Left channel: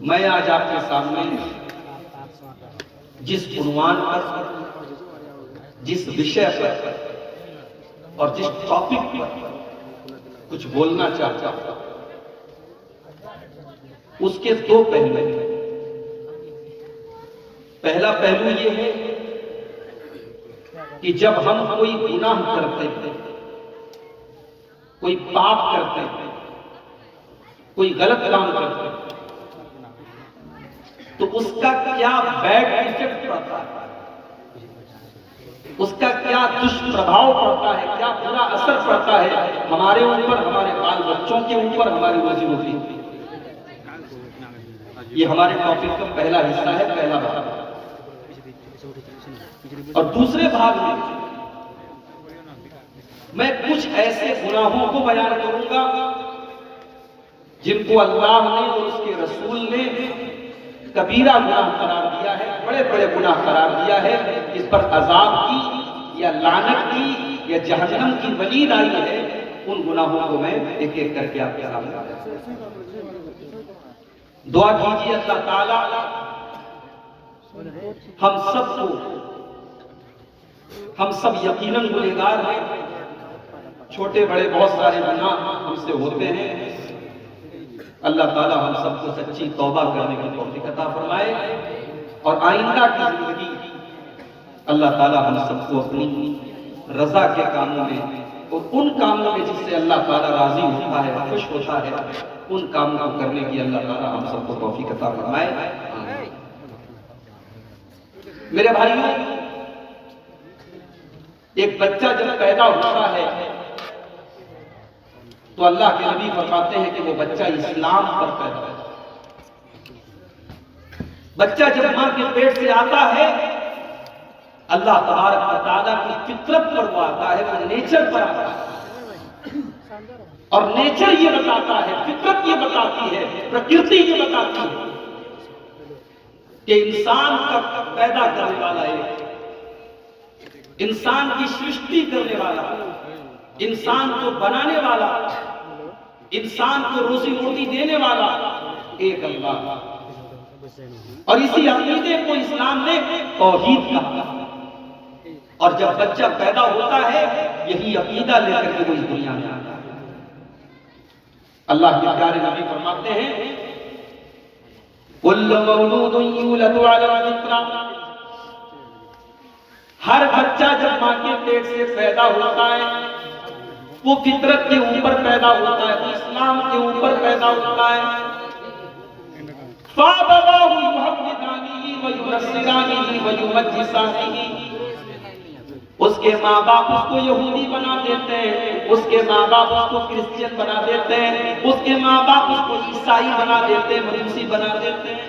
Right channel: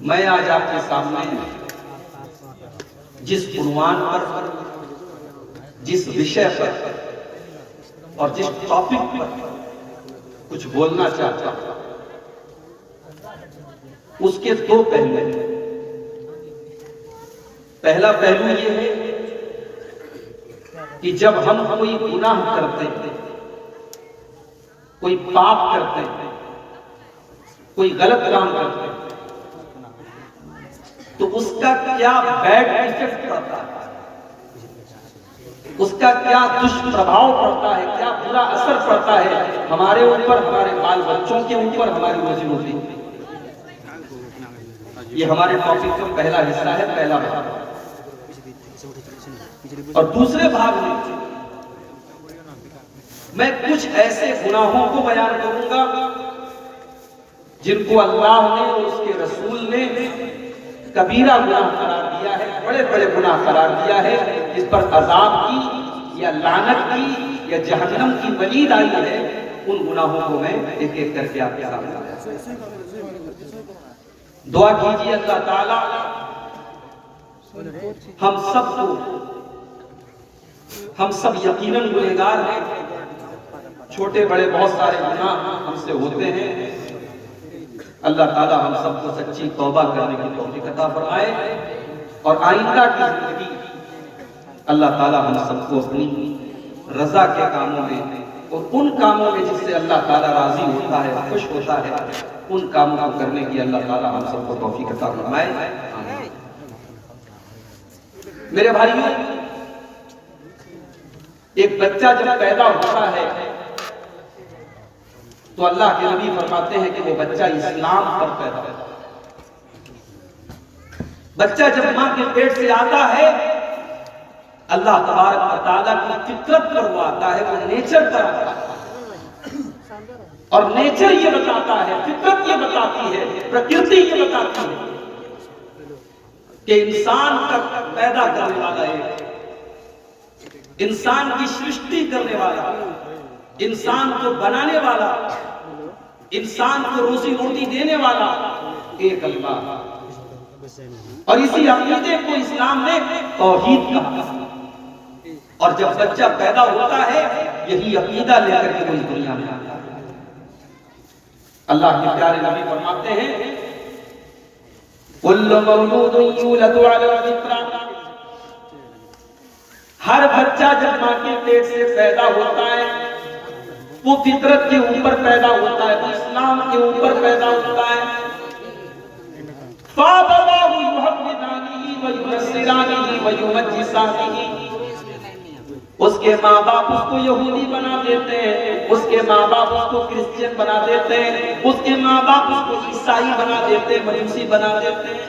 میں آج آپ کے سامنے جس عنوان پر، جس وشے پر اور جس ٹاپک پر کچھ بولنا چاہتا ہوں، اس کے دو پہلو ہیں۔ پہلا پہلو یہ ہے کہ جب ہم کوئی گناہ کرتے ہیں، کوئی پاپ کرتے ہیں، کوئی غلط کام کرتے ہیں، تو اس کا کیا بیڈ ایفیکٹ پڑتا ہے، اس کا کیا دشپربھاؤ پڑتا ہے، کیا برا اثر پڑتا ہے ہمارے اوپر، ہمارے بال بچوں کے اوپر، ہماری روزی روٹی۔ یہ ہمارے ٹاپک کا پہلا حصہ ہے، پہلا بھاگ۔ اور دوسرے بھاگ میں میں کچھ ایسے گناہوں کو بیان کروں گا جن کو اللہ نے اور اس کے رسول نے کبیرہ گناہ قرار دیا ہے، بڑے بڑے گناہ قرار دیا ہے، جس پر عذاب کی یا لعنت کی یا جہنم کی وعید آئی ہے۔ ان گناہوں کو میں ایک ایک کر کے آپ کے سامنے لایا۔ دعا کیجیے اللہ تعالیٰ ہم سب یقیناً گنہگار ہیں، چھوٹے بڑے بہت سارے گناہ ہم سے ہوتے ہیں۔ اللہ تعالیٰ ہم سب کو سچی توبہ کرنے کی توفیق عطا فرمائے، اور آئندہ کی زندگی اللہ تعالیٰ ہم سب کو اپنی رضا کے کاموں میں اور ان کاموں میں جس سے اللہ تعالیٰ راضی ہوتا ہے، خوش ہوتا ہے، ان کاموں کو کرنے کی اللہ تعالیٰ ہم سب کو توفیق عطا فرمائے۔ میرے بھائیوں، ایک بچہ جب پیدا ہوتا ہے تو اللہ کے نبی فرماتے ہیں کہ وہ بچہ اسلام پر پیدا ہوتا ہے۔ بچہ جب ماں کے پیٹ سے آتا ہے، اللہ تبارک و تعالیٰ کی فطرت پر وہ آتا ہے، وہ نیچر پر آتا ہے، اور نیچر یہ بتاتا ہے، فطرت یہ بتاتی ہے، پرکرتی یہ بتاتی ہے کہ انسان کا پیدا کرنے والا ایک، انسان کی سرشٹی کرنے والا، انسان کو بنانے والا، انسان کو روزی روٹی دینے والا ایک اللہ۔ اور اسی عقیدے کو اسلام نے توحید کہا، اور جب بچہ پیدا ہوتا ہے یہی عقیدہ لے کر کے وہ اس دنیا میں آتا ہے۔ اللہ کے پیارے نبی فرماتے ہیں کل مولود یولد علی الفطرہ، ہر بچہ جب ماں کے پیٹ سے پیدا ہوتا ہے وہ فطرت کے اوپر پیدا ہوتا ہے، وہ اسلام کے اوپر پیدا ہوتا ہے۔ فَأَبَوَاهُ يُحَوِّدَانِهِ وَيُنَصِّرَانِهِ وَيُمَجِّسَانِهِ، اس کے ماں باپ اس کو یہودی بنا دیتے ہیں، اس کے ماں باپ اس کو کرسچین بنا دیتے ہیں، اس کے ماں باپ اس کو عیسائی بنا دیتے ہیں، مجوسی بنا دیتے ہیں۔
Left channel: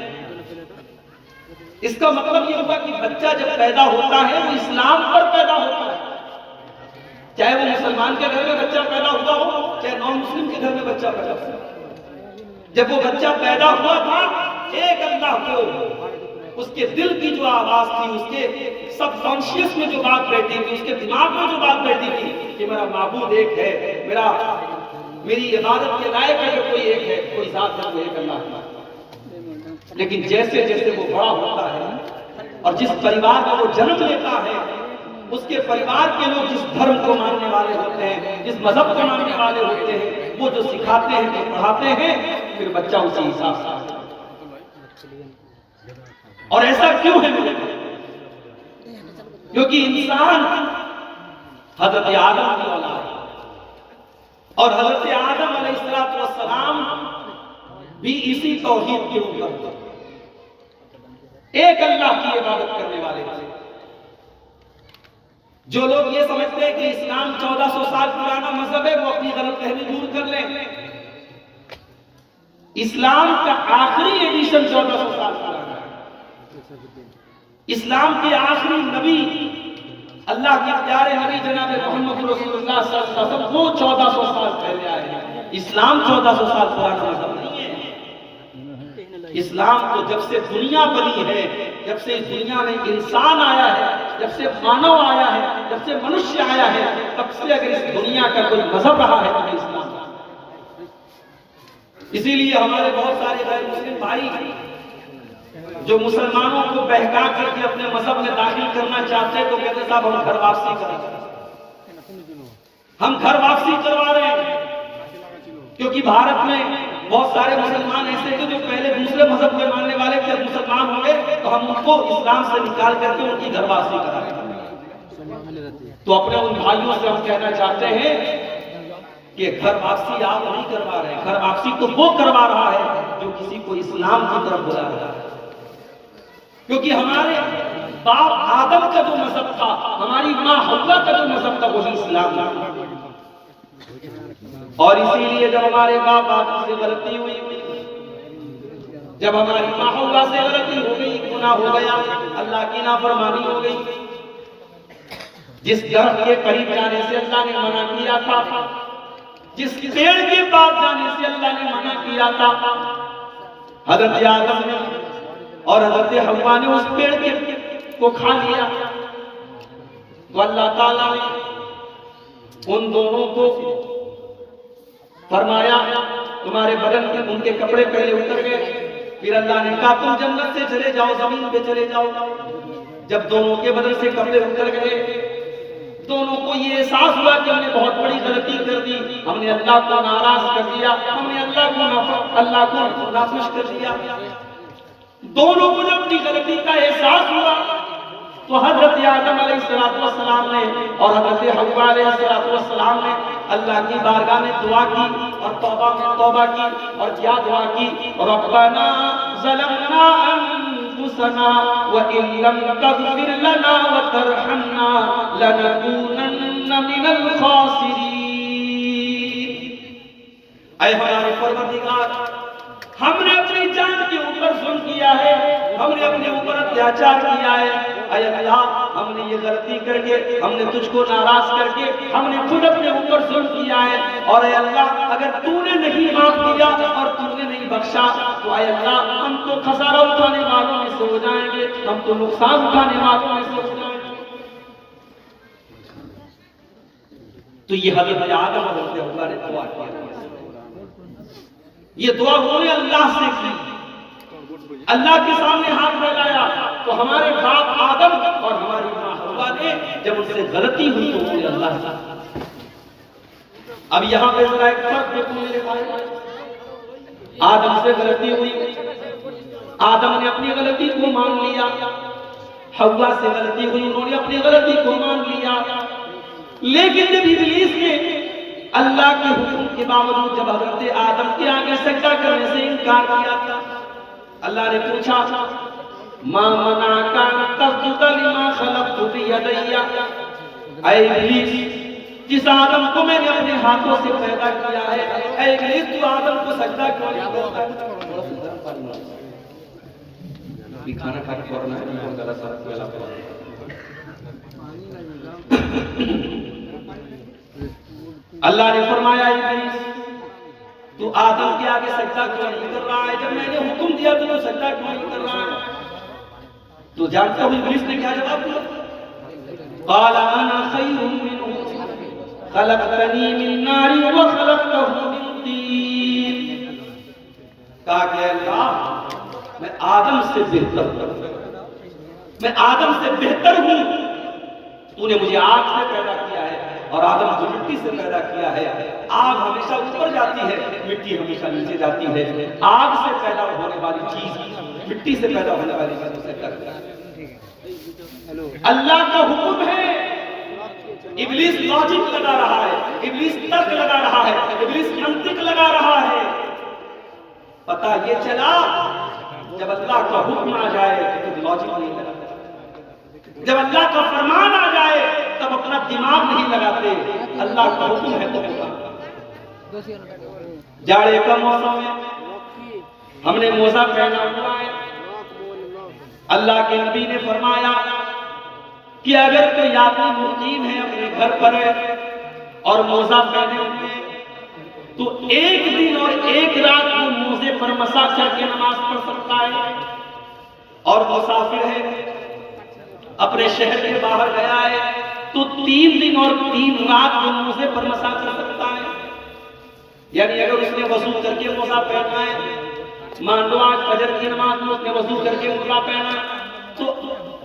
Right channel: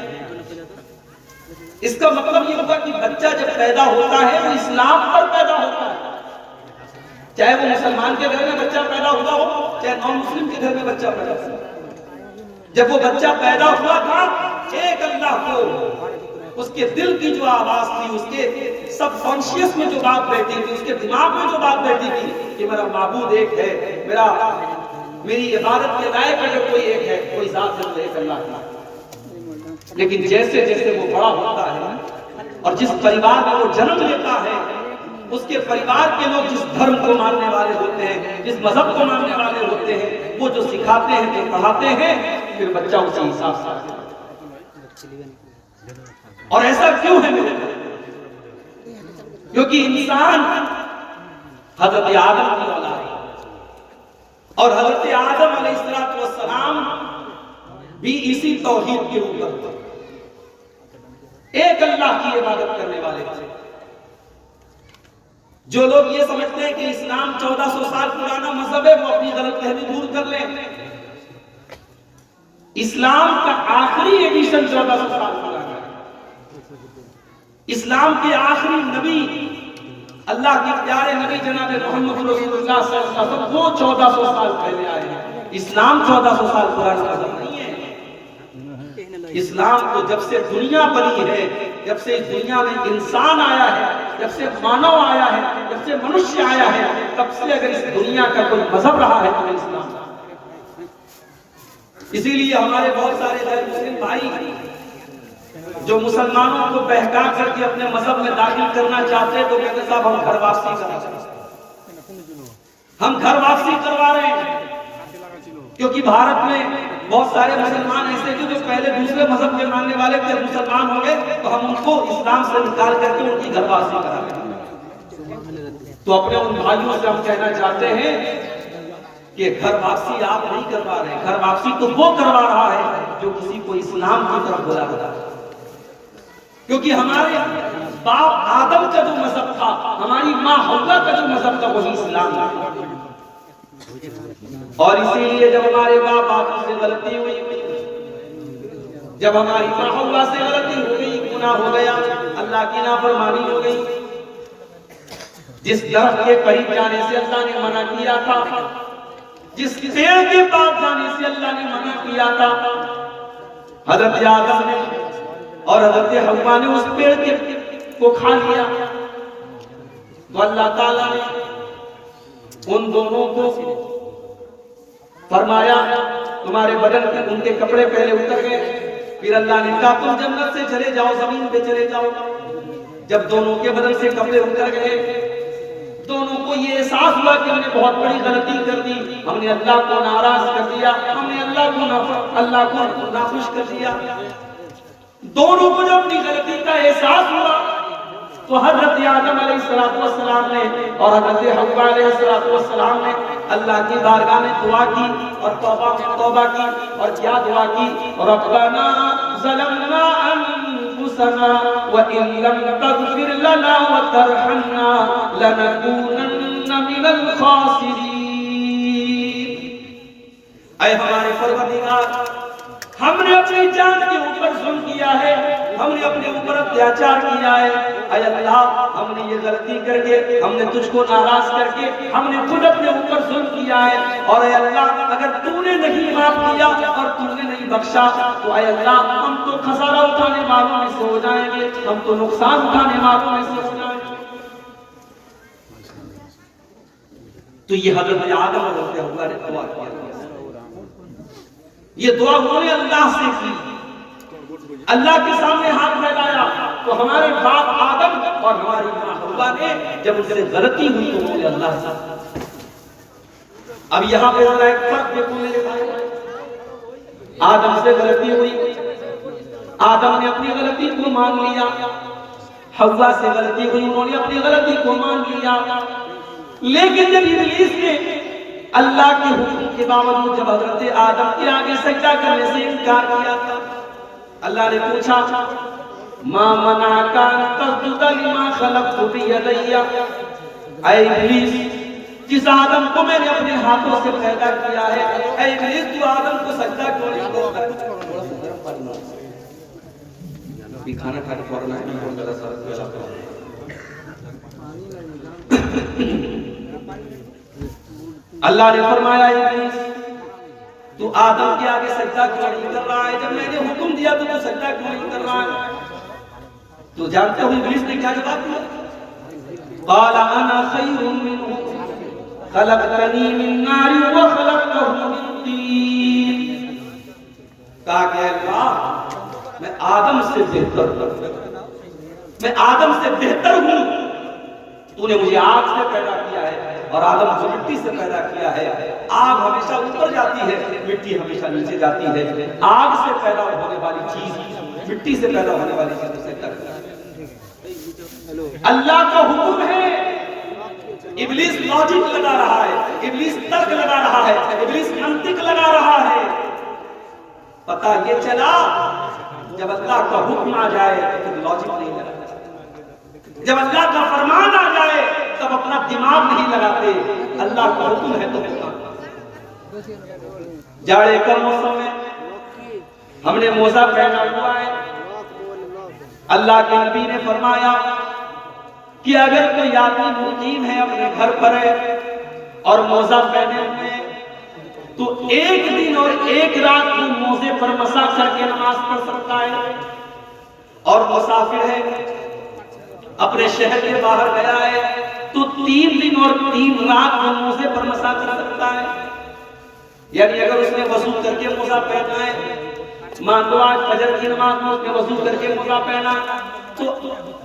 اس کا مطلب یہ ہوگا کہ بچہ جب پیدا ہوتا ہے وہ اسلام پر پیدا ہوتا ہے، چاہے وہ مسلمان کے گھر میں بچہ پیدا ہوا ہو، چاہے نان مسلم کے گھر میں بچہ پیدا ہوا۔ جب وہ بچہ پیدا ہوا تھا، ایک اللہ کو اس کے دل کی جو آواز تھی، اس کے سب کانشیس میں جو بات بیٹھی تھی، اس کے دماغ میں جو بات بیٹھی تھی کہ میرا معبود ایک ہے، میری عبادت کے لائق اگر کوئی ایک ہے، کوئی ذات ہے، وہ ایک اللہ ہے۔ لیکن جیسے جیسے وہ بڑا ہوتا ہے اور جس پریوار میں وہ جنم لیتا ہے، اس کے پریوار کے لوگ جس دھرم کو ماننے والے ہوتے ہیں، جس مذہب کو ماننے والے ہوتے ہیں، وہ جو سکھاتے ہیں، جو پڑھاتے ہیں، پھر بچہ اسی حساب سے آتا ہے۔ اور ایسا کیوں ہے میرے؟ کیونکہ انسان حضرت آدم کی اولاد ہے، اور حضرت آدم علیہ السلام بھی اسی توحید کے اوپر تھے، ایک اللہ کی عبادت کرنے والے تھے۔ جو لوگ یہ سمجھتے ہیں کہ اسلام 1400 سال پرانا مذہب ہے، وہ اپنی غلط فہمی دور کر لیں۔ اسلام کا آخری ایڈیشن 1400 سال پرانا ہے۔ اسلام کے آخری نبی، اللہ کے پیارے نبی جناب محمد رسول اللہ صلی اللہ علیہ وسلم، وہ 1400 سال پہلے آئے ہیں۔ اسلام 1400 سال پرانا مذہب نہیں ہے۔ اسلام تو جب سے دنیا بنی ہے، جب سے اس دنیا میں انسان آیا ہے، جب سے مانو آیا ہے، جب سے منشیہ آیا ہے، تب سے اگر اس دنیا کا کوئی مذہب رہا ہے تو اسلام۔ اسی لیے ہمارے بہت سارے غیر مسلم بھائی جو مسلمانوں کو بہکا کر کے اپنے مذہب میں داخل کرنا چاہتے ہیں تو کہتے صاحب ہم گھر واپسی کرا رہے ہیں، ہم گھر واپسی کروا رہے ہیں، کیونکہ بھارت میں بہت سارے مسلمان ایسے تھے جو پہلے دوسرے مذہب کے ماننے والے تھے، مسلمان ہوں گے تو ہم ان کو اسلام سے نکال کر کے ان کی گھر واپسی کرا رہے ہیں۔ تو اپنے ان بھائیوں سے ہم کہنا چاہتے ہیں کہ گھر واپسی آپ نہیں کروا رہے، گھر واپسی تو وہ کروا رہا ہے جو کسی کو اسلام کی طرف بلا رہا ہے، کیونکہ ہمارے باپ آدم کا جو مذہب تھا، ہماری ماں حوا کا جو مذہب تھا وہی اسلام تھا۔ اور اسی لیے جب ہمارے باپ آدم سے غلطی ہوئی، جب ہماری ماں حوا سے غلطی ہو گئی، گناہ ہو گیا، اللہ کی نافرمانی ہو گئی، جس درخت کے قریب جانے سے اللہ نے منع کیا تھا، جس پیڑ کے پاس جانے سے اللہ نے منع کیا تھا، حضرت آدم نے اور حضرت حوا نے اس پیڑ کو کھا لیا، تو اللہ تعالیٰ نے ان دونوں کو فرمایا تمہارے بدن کے ان کے کپڑے پہلے اتر گئے، پھر اللہ نے کہا تم جنت سے چلے جاؤ، زمین پہ چلے جاؤ۔ جب دونوں کے بدن سے کپڑے اتر گئے، دونوں کو یہ احساس ہوا کہ ہم نے بہت بڑی غلطی کر دی، ہم نے اللہ کو ناراض کر دیا، ہم نے اللہ کو ناخوش کر دیا۔ دونوں کو جب اپنی غلطی کا احساس ہوا تو حضرت آدم علیہ السلام نے اور حضرت حوا علیہ السلام نے اللہ کی بارگاہ میں دعا کی اور توبہ کی، اور کیا دعا کی؟ ربنا ظلمنا انفسنا وان لم تغفر لنا وترحمنا لنكونن من الخاسرین۔ اے ہمارے پروردگار، ہم نے اپنی جان کے اوپر ظلم کیا ہے، ہم نے اپنے اوپر اتیاچار کیا ہے، اے اللہ ہم نے یہ غلطی کر کے، ہم نے تجھ کو ناراض کر کے، ہم نے خود اپنے اوپر ظلم کیا ہے، اور اے اللہ اگر تو نے نہیں معاف کیا اور تو نے نہیں بخشا تو اے اللہ ہم تو خسارہ اٹھانے والوں میں سے ہو جائیں گے، ہم تو نقصان اٹھانے والوں میں سے ہو جائیں گے۔ تو یہ حضرت آدم اور حضرت حوا نے دعا کیا، یہ دعا انہوں نے اللہ سے کی، اللہ کے سامنے ہاتھ پھیلایا، تو ہمارے باپ آدم اور ہماری ماں حوا نے جب ان سے غلطی ہوئی تو انہوں نے اللہ سے۔ اب یہاں پہ ذرا ایک فرق دیکھو میرے بھائی، آدم سے غلطی ہوئی، آدم نے اپنی غلطی کو مان لیا، حوا سے غلطی ہوئی، انہوں نے اپنی غلطی کو مان لیا، لیکن جب ابلیس نے اللہ کے حکم کے باوجود جب حضرت آدم کے آگے سجدہ کرنے سے انکار کیا تھا، اللہ نے پوچھا ما منعک ان تسجد لما خلقت بیدی، اے ابلیس جس آدم کو میں نے اپنے ہاتھوں سے پیدا کیا ہے، اے ابلیس تو آدم کو سجدہ کیوں نہیں کرتا؟ ابھی کھانا کھا کے فوراً آئے نہیں غلط سارا کوئی علاقہ۔ اللہ نے فرمایا ابلیس تو آدم کے آگے سجدہ کیوں نہیں کر رہا ہے؟ جب میں نے حکم دیا تو سجدہ کیوں نہیں کر رہا ہے؟ تو جانتے ہو ابلیس نے کیا جواب دیا؟ قال انا خیر منہ خلقتنی من نار وخلقتہ من طین۔ کہا کہ اللہ میں آدم سے بہتر ہوں، میں آدم سے بہتر ہوں، تو نے مجھے آگ سے پیدا کیا ہے اور آدم کو مٹی سے پیدا کیا ہے۔ آگ ہمیشہ اوپر جاتی ہے، مٹی ہمیشہ نیچے جاتی ہے، آگ سے پیدا ہونے والی چیز مٹی سے پیدا ہونے والی چیز سے ٹکراتی ہے۔ اللہ کا حکم ہے، ابلیس لاجک لگا رہا ہے، ابلیس ترک لگا رہا ہے، ابلیس منطق لگا رہا ہے۔ پتہ یہ چلا جب اللہ کا حکم آ جائے تو پھر لاجک نہیں لگا، جب اللہ کا فرمان آ جائے تب اپنا دماغ نہیں لگاتے، اللہ کا حکم ہے تو حکم۔ جاڑے کا موسم ہے، ہم نے موزہ پہنا ہوا ہے، اللہ کے نبی نے فرمایا کہ اگر کوئی آدمی مقیم ہے اپنے گھر پر ہے اور موزہ پہنے ہوئے تو ایک دن اور ایک رات کو موزے پر مسح کر کے نماز پڑھ سکتا ہے، اور مسافر ہے اپنے شہر کے باہر گیا ہے تو 3 دن اور 3 رات کو موزے پر مسح کر سکتا ہے۔ یعنی اگر اس نے وضو کر کے موزہ پہنا ہے، مان لو آج فجر کی نماز میں اس نے وضو کر کے موزہ پہنا، تو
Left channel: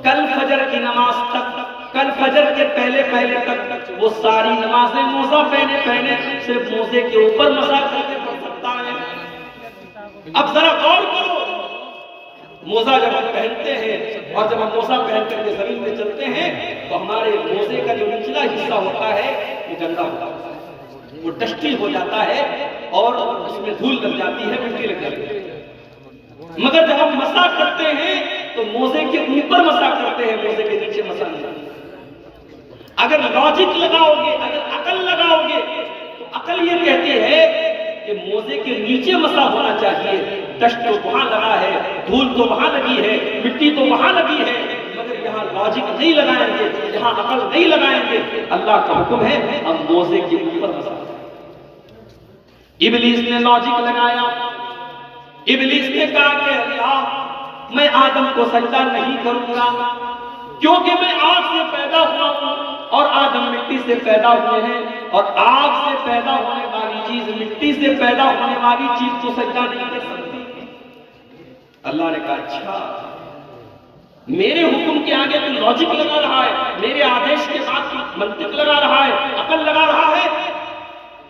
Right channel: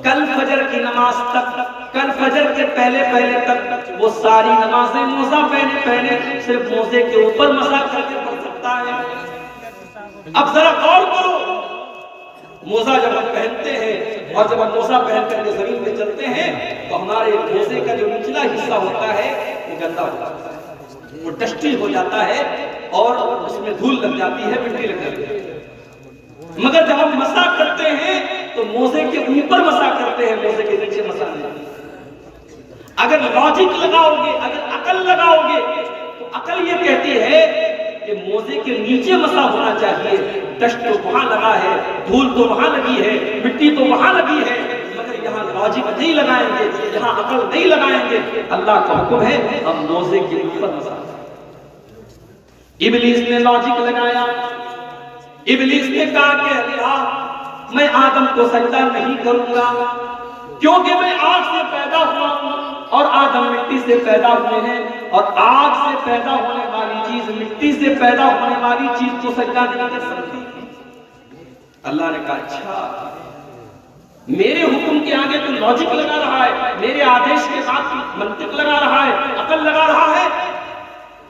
کل فجر کی نماز تک، کل فجر کے پہلے تک وہ ساری نمازیں موزہ پہنے صرف موزے کے اوپر مسح کر کے پڑھ سکتا ہے۔ اب ذرا غور کرو، موزہ جب ہم پہنتے ہیں اور جب ہم موزہ پہن کر کے زمین پہ چلتے ہیں تو ہمارے موزے کا جو نچلا حصہ ہوتا ہے وہ گندا ہوتا ہے، وہ ڈسٹی ہو جاتا ہے اور اس میں دھول لگ جاتی ہے، مٹی لگ جاتی ہے۔ مگر جب ہم مسح کرتے ہیں تو موزے کے اوپر مسح کرتے ہیں، موزے کے نیچے مسح نہیں۔ اگر لاجک لگاؤ گے، اگر عقل لگاؤ گے تو عقل یہ کہتی ہے کہ موزے کے نیچے مسح ہونا چاہیے، ڈسٹ تو وہاں لگا ہے، دھول تو وہاں لگی ہے، مٹی تو وہاں لگی ہے، مگر یہاں لاجک نہیں لگائیں گے، یہاں عقل نہیں لگائیں گے۔ اللہ کا حکم ہے ہم موزے کے اوپر مسح کریں۔ ابلیس نے لاجک لگایا، ابلیس نے کہا کہ اللہ میں آدم کو سجدہ نہیں کروں گا کیونکہ میں آگ سے پیدا ہوا ہوں اور آدم مٹی سے پیدا ہوئے ہیں، اور آگ سے پیدا ہونے والی چیز مٹی سے پیدا ہونے والی چیز تو سجدہ نہیں کر سکتی۔ اللہ نے کہا اچھا، میرے حکم کے آگے تو لاجک لگا رہا ہے، میرے آدیش کے بعد منطق لگا رہا ہے، عقل لگا رہا ہے۔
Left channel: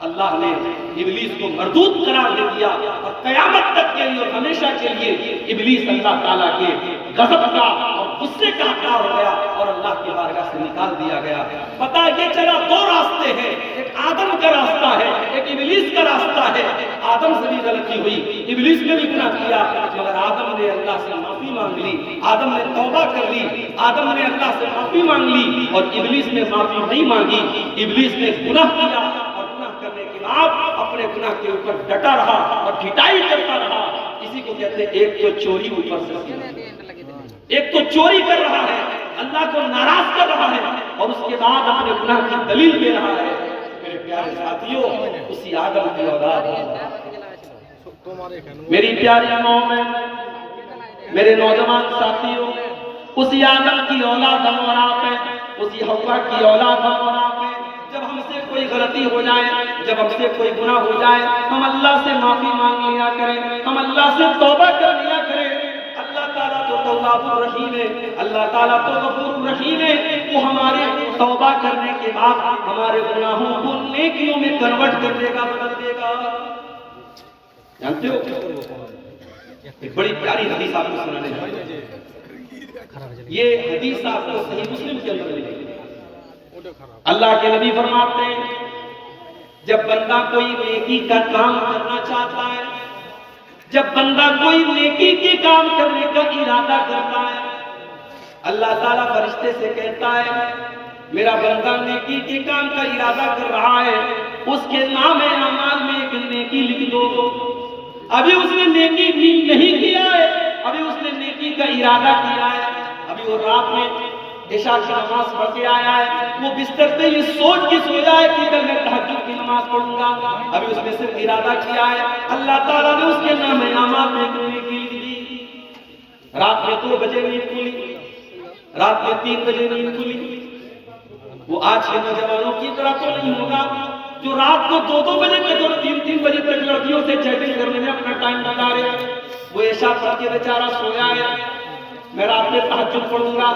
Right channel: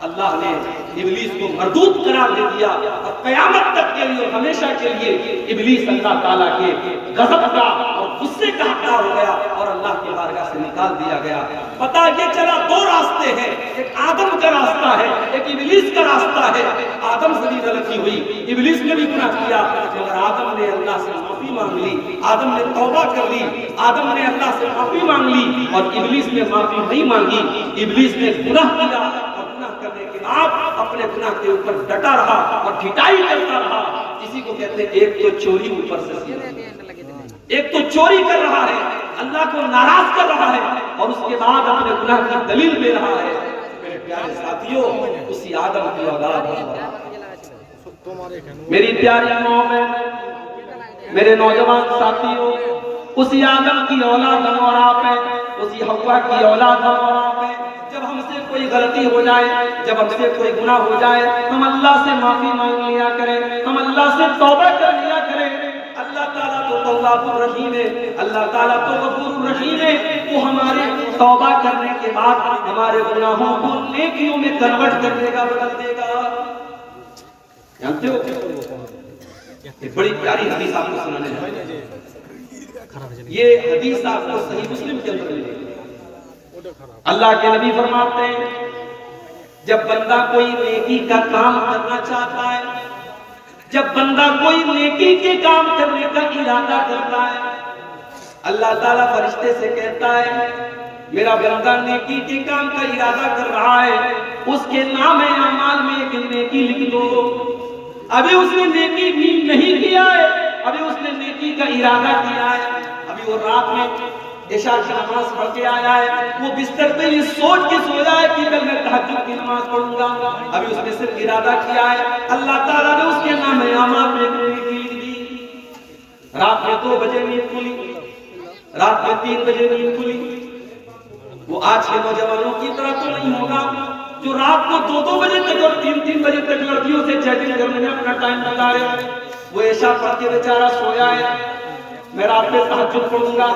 اللہ نے ابلیس کو مردود قرار دے دیا اور قیامت تک کے لیے اور ہمیشہ کے لیے ابلیس اللہ تعالیٰ کے غضب کا اور غصے کا حقدار ہو گیا اور اللہ کی بارگاہ سے نکال دیا گیا۔ پتہ یہ چلا دو راستے ہیں، ایک آدم کا راستہ ہے، ایک ابلیس کا راستہ ہے۔ آدم سے بھی غلطی ہوئی، ابلیس نے بھی گناہ کیا، مگر آدم نے اللہ سے معافی مانگ لی، آدم نے توبہ کر لی، آدم نے اللہ سے معافی مانگ لی، اور ابلیس نے معافی نہیں مانگی۔ ابلیس نے گناہ کیا اور گناہ کرنے کے بعد اپنے گناہ کے اوپر ڈٹا رہا اور ڈھٹائی کرتا رہا۔ اسی کو کہتے ہیں ایک تو چوری اوپر سے سیدھا، ایک تو چوری کر رہا ہے، اللہ کو ناراض کر رہا ہے، اور اس کے بعد اپنے گناہ کی دلیل دے رہا ہے۔ میرے پیارے ساتھیوں، اسی آدم کی اولاد ہے۔ میری پیاری قوم ہے، میرے نوجوان ساتھیوں، اسی آدم کی اولاد ہم اور آپ ہیں، اسی حوا کی اولاد ہم اور آپ ہیں۔ جب ہم سے کوئی غلطی ہو جائے، جب ہم سے کوئی گناہ ہو جائے، ہم اللہ سے معافی مانگ لیا کریں، ہم اللہ سے توبہ کر لیا کریں۔ اللہ تعالیٰ تو تواب الرحیم ہے، اللہ تعالیٰ تو غفور الرحیم ہے، وہ ہمارے توبہ کرنے کے بعد ہمارے گناہوں کو نیکیوں میں کنورٹ کر دے گا، بدل دے گا۔ جانتے ہو ایک بڑی پیاری حدیث آپ کو سنانے جا رہا ہوں، یہ حدیث آپ کو صحیح مسلم کے اندر ملے گی۔ اللہ کے نبی فرماتے ہیں جب بندہ کوئی نیکی کا کام کرنا چاہتا ہے، جب بندہ کوئی نیکی کے کام کرنے کا ارادہ کرتا ہے، اللہ تعالیٰ فرشتے سے کہتا ہے میرا بندہ نیکی کے کام کا ارادہ کر رہا ہے، اس کے نام اعمال میں ایک نیکی لکھ دو۔ ابھی اس نے نیکی نہیں کیا ہے، ابھی اس نے نیکی کا ارادہ کیا ہے، ابھی وہ رات میں عشاء کی نماز پڑھ کے آیا ہے، وہ بستر پہ یہ سوچ کے سویا ہے کہ کل میں تہجد کی نماز پڑھوں گا، ابھی اس نے صرف ارادہ کیا ہے، اللہ تعالیٰ نے اس کے نام اعمال میں ایک نیکی لکھ دی۔ رات میں 2 بجے نیند کھلی، رات میں 3 بجے نیند کھلی، وہ آج کے نوجوانوں کی طرح تو نہیں ہوگا جو رات کو 2 بجے تک اور 3 بجے تک لڑکیوں سے چیٹنگ کرنے میں اپنا ٹائم بتا رہے۔ وہ عشاء پڑھ کے بیچارہ سویا ہے، میں رات میں تہجد پڑھوں گا،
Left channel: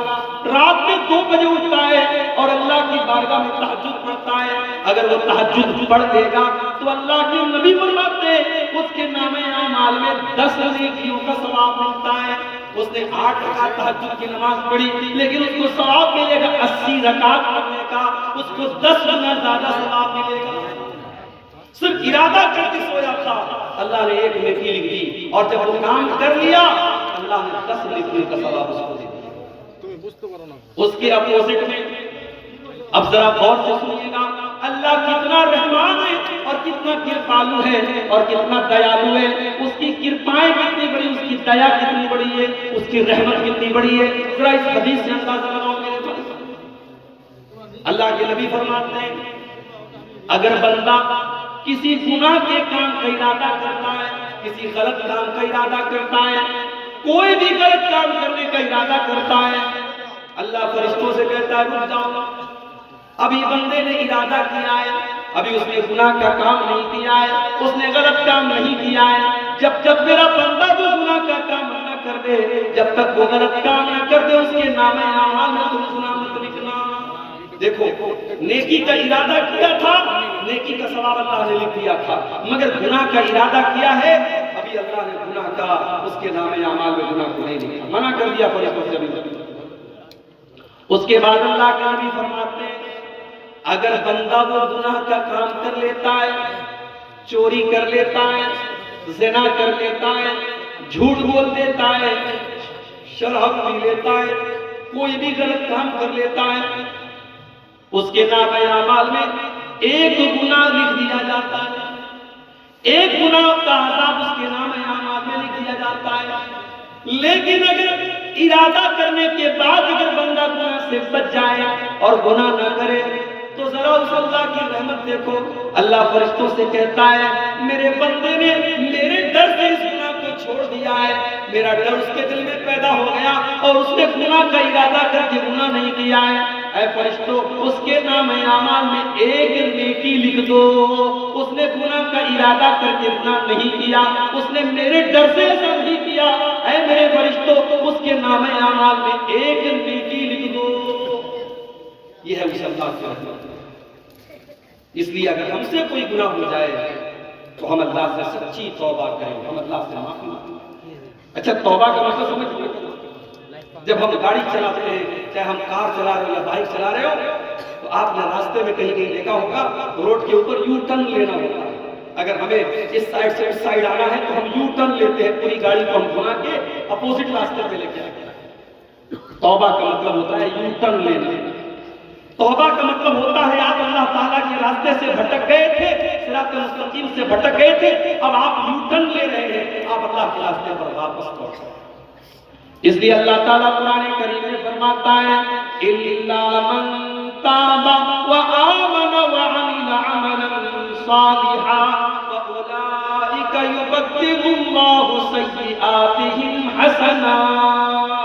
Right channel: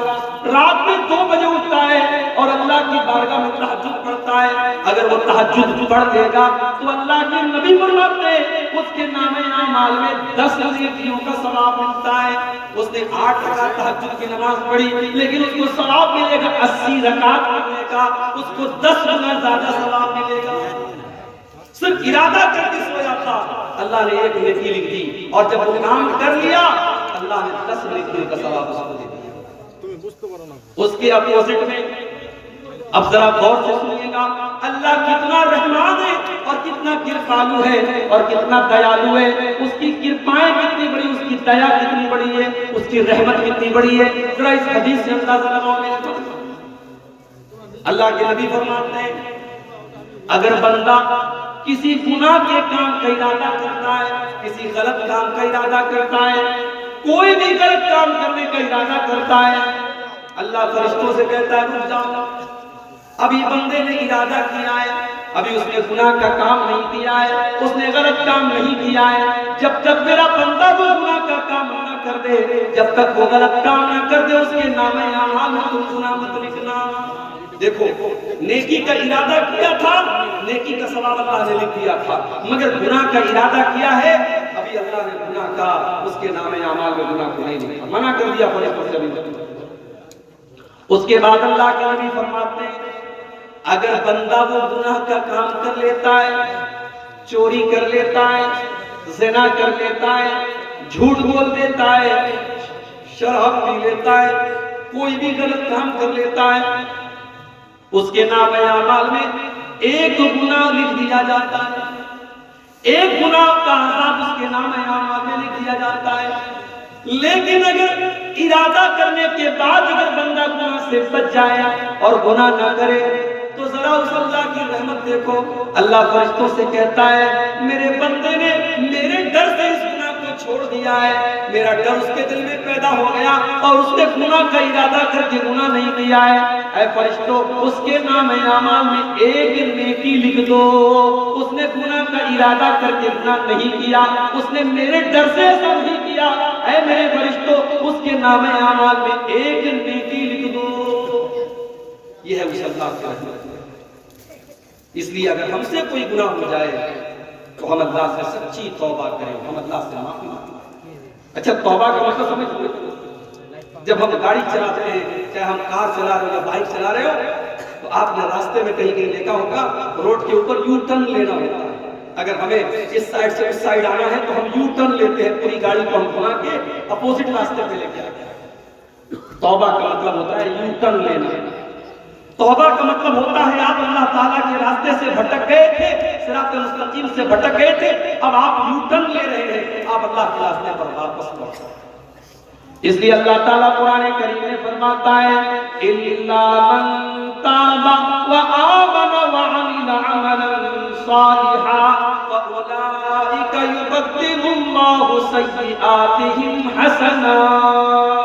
رات میں 2 بجے اٹھتا ہے اور اللہ کی بارگاہ میں تہجد پڑھتا ہے۔ اگر وہ تہجد پڑھ لے گا تو اللہ کے نبی فرماتے ہیں اس کے نام اعمال میں 10 نیکیوں کا ثواب ملتا ہے۔ اس نے 8 رکعت تہجد کی نماز پڑھی لیکن اس کو ثواب ملے گا 80 رکعت پڑھنے کا، اس کو 10 گنا زیادہ ثواب ملے گا۔ صرف ارادہ کر کے سویا تھا، اللہ نے ایک نیکی لکھ دی، اور جب وہ کام کر لیا اللہ نے 10 نیکی کا ثواب اس کو دے دیا۔ اس کے اپوزٹ میں اب ذرا غور سے سنیے گا، اللہ کتنا رحمان ہے اور کتنا کرپالو ہے اور کتنا دیالو ہے، اس کی کرپائیں کتنی بڑی، اس کی دیا کتنی بڑی ہے، اس کی رحمت کتنی بڑی ہے، ذرا اس حدیث سے اندازہ لگاؤ میرے پاس۔ اللہ کے نبی فرماتے ہیں اگر بندہ کسی گناہ کے کام کا ارادہ کرتا ہے، کسی غلط کام کا ارادہ کرتا ہے، کوئی بھی غلط کام کرنے کا ارادہ کرتا ہے، اللہ فرشتوں سے کہتا ہے رک جاؤ، ابھی بندے نے ارادہ کیا ہے ابھی اس نے گناہ کا کام نہیں کیا ہے، اس نے غلط کام نہیں کیا ہے۔ جب تک میرا بندہ وہ گناہ کا کام نہ کر دے، جب تک وہ غلط کام نہ کر دے، اس کے نام اعمال میں تم گناہ مت لکھنا۔ دیکھو نیکی کا ارادہ کیا تھا، نیکی کا ثواب اللہ نے لکھ دیا تھا، مگر گناہ کا ارادہ کیا ہے، ابھی اللہ نے گناہ کا اس کے نام اعمال میں گناہ کو نہیں لکھا، منع کر دیا فرشتوں سے۔ اس کے بعد اللہ کے نبی فرماتے ہیں اگر بندہ وہ گناہ کا کام کر لیتا ہے، چوری کر لیتا ہے، زنا کر لیتا ہے، جھوٹ بول دیتا ہے، شراب پی لیتا ہے، کوئی بھی غلط کام کر لیتا ہے، اس کے نام اعمال میں ایک گناہ لکھ دیا جاتا ہے، ایک گناہ کا عذاب اس کے نام اعمال میں لکھ دیا جاتا ہے۔ لیکن اگر ارادہ کرنے کے بعد اگر بندہ گناہ سے بچ جائے اور گناہ نہ کرے تو ذرا اس اللہ کی رحمت دیکھو، اللہ فرشتوں سے کہتا ہے میرے بندے نے میرے ڈر سے اس گناہ کو چھوڑ دیا ہے، میرا ڈر اس کے دل میں پیدا ہو گیا اور اس نے گناہ کا ارادہ کر کے گناہ نہیں کیا ہے۔ اے فرشتوں اس کے نام اعمال میں ایک نیکی لکھ دو، اس نے گناہ کا ارادہ کر کے گناہ نہیں کیا، اس نے میرے ڈر سے ایسا نہیں کیا، اے میرے فرشتوں اس کے نام اعمال میں ایک نیکی لکھ دو۔ یہ ہے اس اللہ کی رحمت۔ اس لیے اگر ہم سے کوئی گناہ ہو جائے تو ہم اللہ سے سچی توبہ کریں، ہم اللہ سے معافی مانگیں۔ اچھا توبہ کا مطلب سمجھتے ہیں؟ جب ہم گاڑی چلاتے ہیں، چاہے ہم کار چلا رہے ہو یا بائک چلا رہے ہو، تو آپ نے راستے میں کہیں کہیں دیکھا ہوگا روڈ کے اوپر یو ٹرن لینا ہوتا ہے۔ اگر ہمیں اس سائیڈ سے اس سائیڈ آنا ہے تو ہم یو ٹرن لیتے ہیں، پوری گاڑی کو ہم گھما کے اپوزٹ راستے پہ لے کے آتے ہیں۔ توبہ کا مطلب ہوتا ہے یو ٹرن لینا۔ توبہ کا مطلب ہوتا ہے آپ اللہ تعالیٰ کے راستے سے بھٹک گئے تھے، صراط مستقیم سے بھٹک گئے تھے، اب آپ یو ٹرن لے رہے ہیں، آپ اللہ کے راستے پر واپس لوٹ۔ اس لیے اللہ تعالیٰ قرآن کریم میں فرماتا ہے اِلَّا مَن تَابَ وَآمَنَ وَعَمِلَ عَمَلًا صَالِحًا فَأُولَٰئِكَ يُبَدِّلُ اللَّهُ سَيِّئَاتِهِمْ حَسَنَاتٍ۔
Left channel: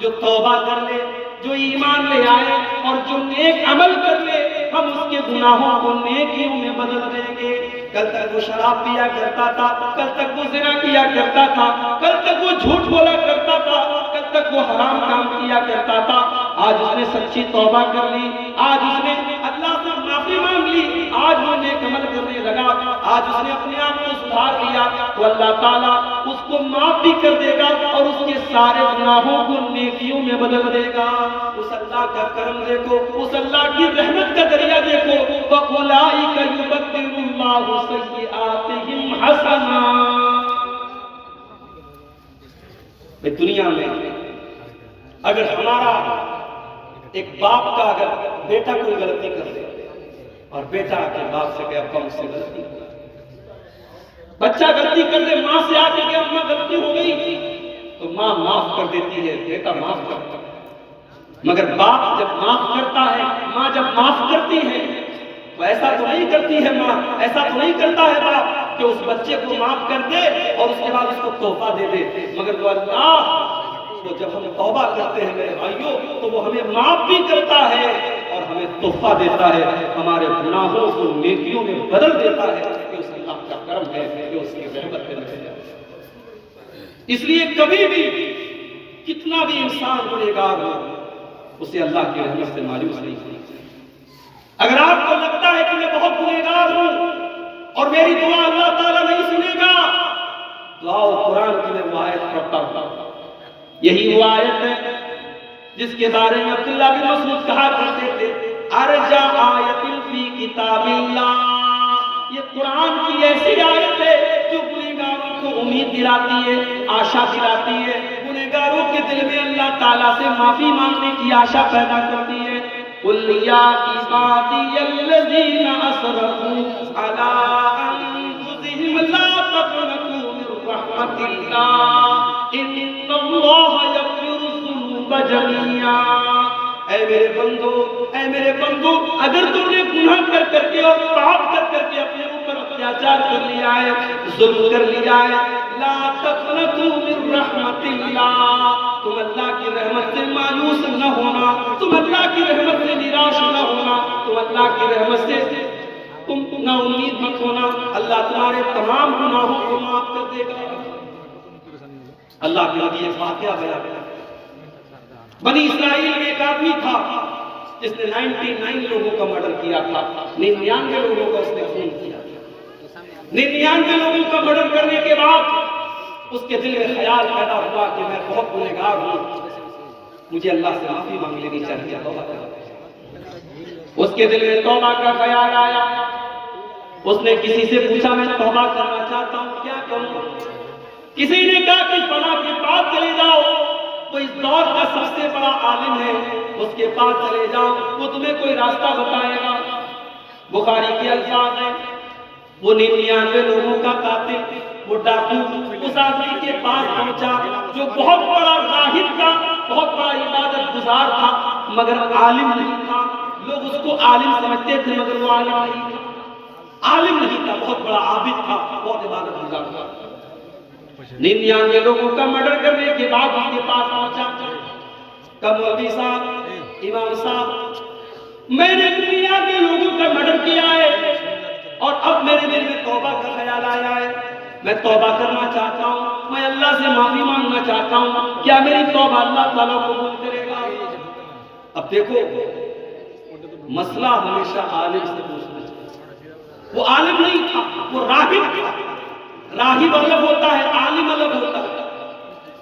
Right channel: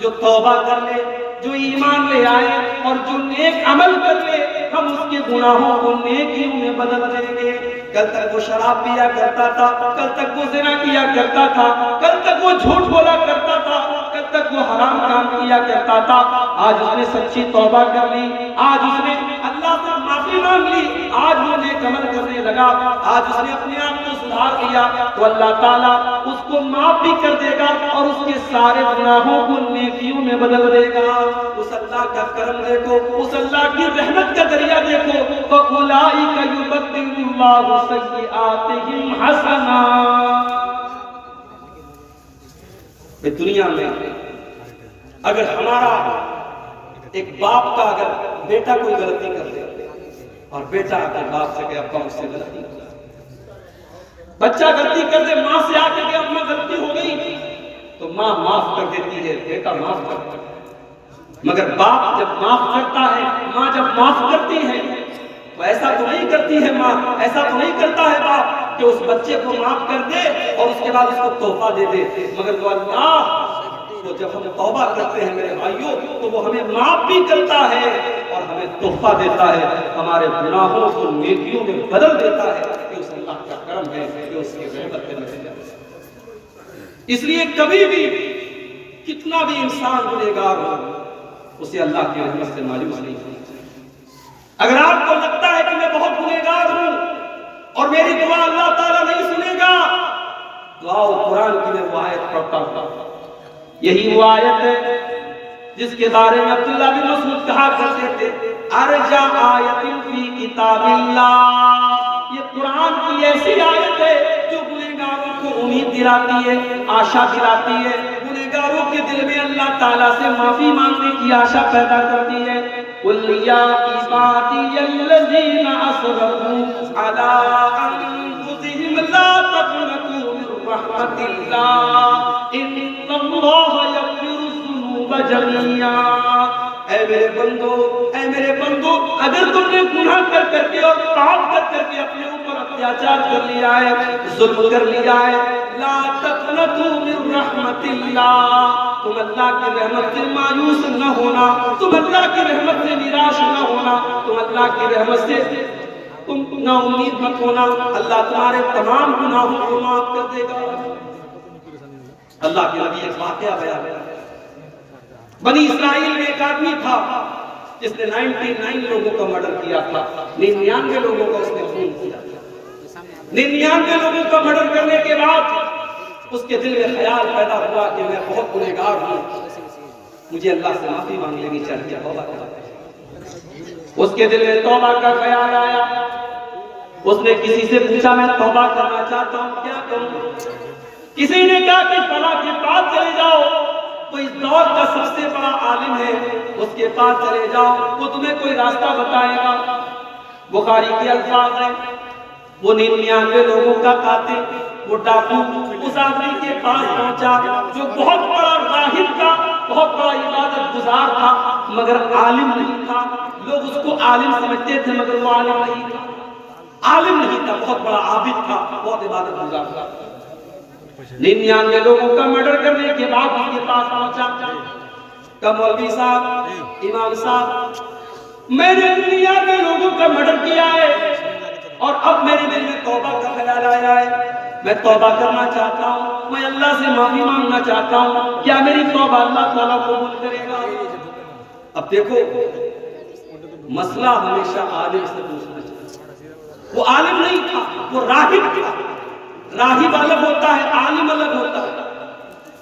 جو توبہ کر لے، جو ایمان لے آئے اور جو نیک عمل کر لے، ہم اس کے گناہوں کو نیکیوں میں بدل دیں گے۔ کل تک وہ شراب پیا کرتا تھا، کل تک وہ زنا کیا کرتا تھا، کل تک وہ جھوٹ بولا کرتا تھا، کل تک وہ حرام کام کیا کرتا تھا، آج اس نے سچی توبہ کر لی، آج اس نے اللہ سے معافی مانگ لی، آج وہ نیک عمل کرنے لگا، آج اس نے اپنے آپ کو سدھار لیا، تو اللہ تعالیٰ اس کو معاف بھی کر دے گا اور اس کے سارے گناہوں کو نیکیوں میں بدل دے گا۔ اس اللہ کا کرم دیکھو، اس اللہ کی رحمت کا دریا دیکھو، فَأُولَٰئِكَ يُبَدِّلُ اللَّهُ سَيِّئَاتِهِمْ حَسَنَاتٍ۔ دنیا میں اگر ہمارا ایک باپ کا اگر بیٹا کوئی غلطی کر دے اور بیٹا کے باپ سے کہ ابا مجھ سے غلطی ہو گئی، بچہ غلطی کر دے، ماں سے آ کے کہ اب میں غلطی ہو گئی، تو ماں معاف کر دیتی ہے، بیٹا معاف کرتا ہے۔ مگر باپ جب معاف کرتا ہے، ماں جب معاف کرتی ہے تو ایسا تو نہیں کرتی ہے ماں، ایسا تو نہیں کرتا ہے باپ کہ اس بچے کو معاف کر دے اور اس کے بعد اس کو تحفہ دے دے، مگر وہ اللہ تو جب ہم توبہ کرتے ہیں میرے بھائیوں تو وہ ہمیں معاف بھی کرتا ہے اور ہمیں تحفہ دیتا ہے، ہمارے گناہوں کو نیکیوں میں بدل دیتا ہے۔ کہ اس اللہ کا کرم ہے کہ اس کی رحمت ہے۔ اس لیے کبھی بھی کتنا بھی انسان گنہگار ہو اسے اللہ کی رحمت سے مایوس نہیں ہونا چاہیے۔ اگر آپ کو لگتا ہے کہ میں بہت گنہگار ہوں اور میری دعا اللہ تعالیٰ نہیں سنے گا، تو آؤ قرآن کی میں وہ آیت پڑھتا ہوں۔ یہی وہ آیت ہے جس کے بارے میں عبداللہ بن مسعود کہا کرتے تھے ارجا آیت فی کتاب اللہ، یہ قرآن کی ایسی آیت ہے جو گنہگاروں کو امید دلاتی ہے، آشا دلاتی ہے، گنہگاروں کے دل میں اللہ تعالیٰ سے معافی مانگنے کی آشا پیدا کرتی ہے۔ قُلْ يَا عِبَادِيَ الَّذِينَ أَسْرَفُوا عَلَىٰ أَنفُسِهِمْ لَا تَقْنَطُوا مِن رَّحْمَةِ اللَّهِ إِنَّ اللَّهَ يَغْفِرُ الذُّنُوبَ جَمِيعًا۔ اے میرے بندو، اگر تم نے گناہ کر کے اور پاپ کر کے اپنے اوپر اتیاچار کر لیا ہے، ظلم کر لیا ہے، لا تقنطوا من رحمت اللہ، تم اللہ کی رحمت سے مایوس نہ ہونا، تم اللہ کی رحمت سے نراش نہ ہونا، تم اللہ کی رحمت سے تم نا امید مت ہونا، اللہ تمہارے تمام گناہوں کو معاف کر دے گا۔ اللہ کے نبی ایک واقعہ بیان، بنی اسرائیل میں ایک آدمی تھا جس نے 99 لوگوں کا مرڈر کیا تھا، 99 لوگوں کا اس نے خون کیا تھا۔ 99 لوگوں کا مرڈر کرنے کے بعد اس کے دل میں خیال پیدا ہوا کہ میں بہت گنہگار ہوں، مجھے اللہ سے معافی مانگ لینی چاہیے، توبہ کرنا۔ اس کے دل میں توبہ کا خیال آیا، اس نے کسی سے پوچھا میں توبہ کرنا چاہتا ہوں، کیا کروں؟ کسی نے کہا کہ فلاں کے پاس چلے جاؤ، وہ اس دور کا سب سے بڑا عالم ہے، اس کے پاس چلے جاؤ، وہ تمہیں کوئی راستہ بتائے گا۔ بخاری کے الفاظ ہیں، وہ 99 لوگوں کا قاتل، وہ ڈاکو اس آدمی کے پاس پہنچا جو بہت بڑا راہب تھا، بہت بڑا عبادت گزار تھا، مگر عالم نہیں تھا۔ لوگ اس کو عالم سمجھتے تھے مگر وہ عالم نہیں تھا، عالم نہیں تھا، بہت بڑا عابد تھا، بہت عبادت گزار تھا۔ 99 لوگوں کا مرڈر کرنے کے بعد اس کے پاس پہنچا، کہ مولوی صاحب، امام صاحب، میں نے 99 لوگوں کا مرڈر کیا ہے اور اب میرے دل میں توبہ کا خیال آیا ہے، میں توبہ کرنا چاہتا ہوں، میں اللہ سے معافی مانگنا چاہتا ہوں، کیا میری توبہ اللہ تعالیٰ قبول کرے گا؟ اب دیکھو، مسئلہ ہمیشہ عالم سے پوچھنا چاہیے۔ وہ عالم نہیں تھا، وہ راہب تھا۔ راہب الگ ہوتا ہے، عالم الگ ہوتا ہے۔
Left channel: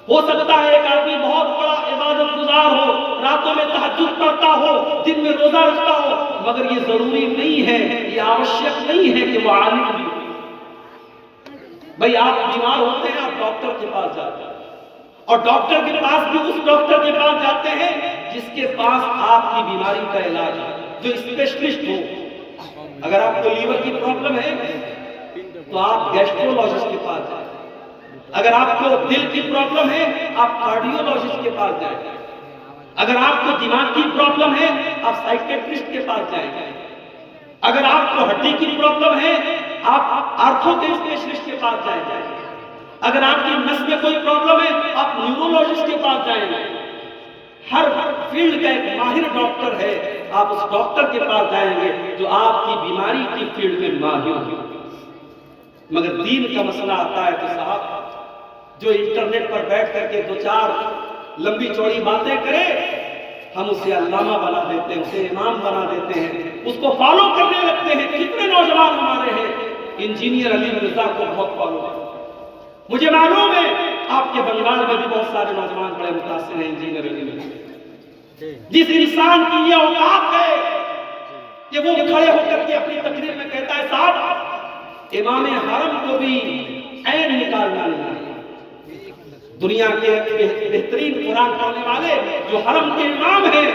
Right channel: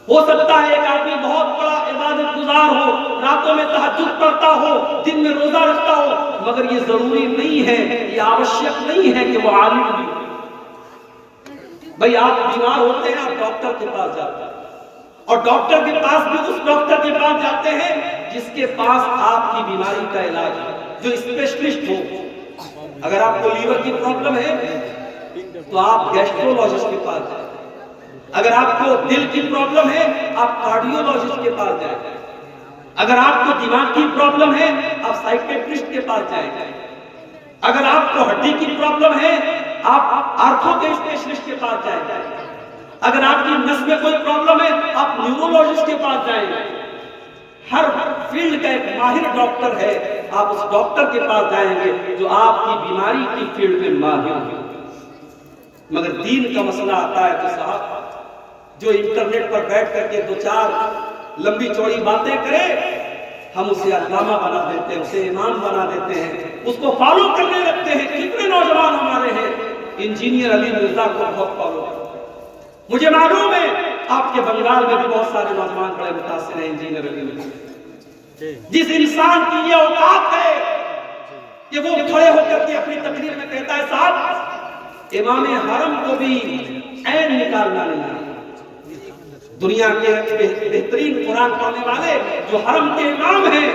ہو سکتا ہے ایک آدمی بہت بڑا عبادت گزار ہو، راتوں میں تہجد پڑھتا ہو، دن میں روزہ رکھتا ہو، مگر یہ ضروری نہیں ہے، یہ آوشیک نہیں ہے کہ وہ عالم بھی ہو۔ بھئی آپ بیمار ہوتے ہیں، آپ ڈاکٹر کے پاس جاتے ہیں، اور ڈاکٹر کے پاس بھی اس ڈاکٹر کے پاس جاتے ہیں جس کے پاس آپ کی بیماری کا علاج ہے، جو اسپیشلسٹ ہو۔ اگر آپ کو لیور کی پرابلم ہے تو آپ گیسٹرولوجسٹ کے پاس جائیں، اگر آپ کو دل کی پرابلم ہے آپ کارڈیولوجسٹ کے پاس جائیں، اگر آپ کو دماغ کی پرابلم ہے آپ سائیکیٹرسٹ کے پاس جائیں، اگر آپ کو ہڈی کی پرابلم ہے آپ آرتھو کے اسپیشلسٹ کے پاس جائیں، اگر آپ کی نس میں کوئی پرابلم ہے آپ نیورولوجسٹ کے پاس جائیں۔ ہر فیلڈ کا ایک ماہر ڈاکٹر ہے، آپ اس ڈاکٹر کے پاس جائیں گے جو آپ کی بیماری کی فیلڈ میں ماہر ہو۔ مگر دین کا مسئلہ آتا ہے تو صاحب جو انٹرنیٹ پر بیٹھ کر کے 2-4 لمبی چوڑی باتیں کرے، ہم اسے علامہ بنا دیتے ہیں، اسے امام بنا دیتے ہیں، اس کو فالو کرنے لگتے ہیں۔ کتنے نوجوان ہمارے ہیں انجینئر علی مرزا کو بہت فالو کرتے ہیں۔ مجھے معلوم ہے آپ کے بنگال میں بھی بہت سارے نوجوان بڑے متاثر ہیں انجینئر علی مرزا۔ جس انسان کی یہ اوقات ہے کہ وہ کھڑے ہو کر کے اپنی تقریر میں کہتا ہے صاحب امام حرم کو بھی عین نکالنا نہیں ہے۔ دنیا کے بہترین قرآن پڑھنے والے جو حرم کے امام ہیں،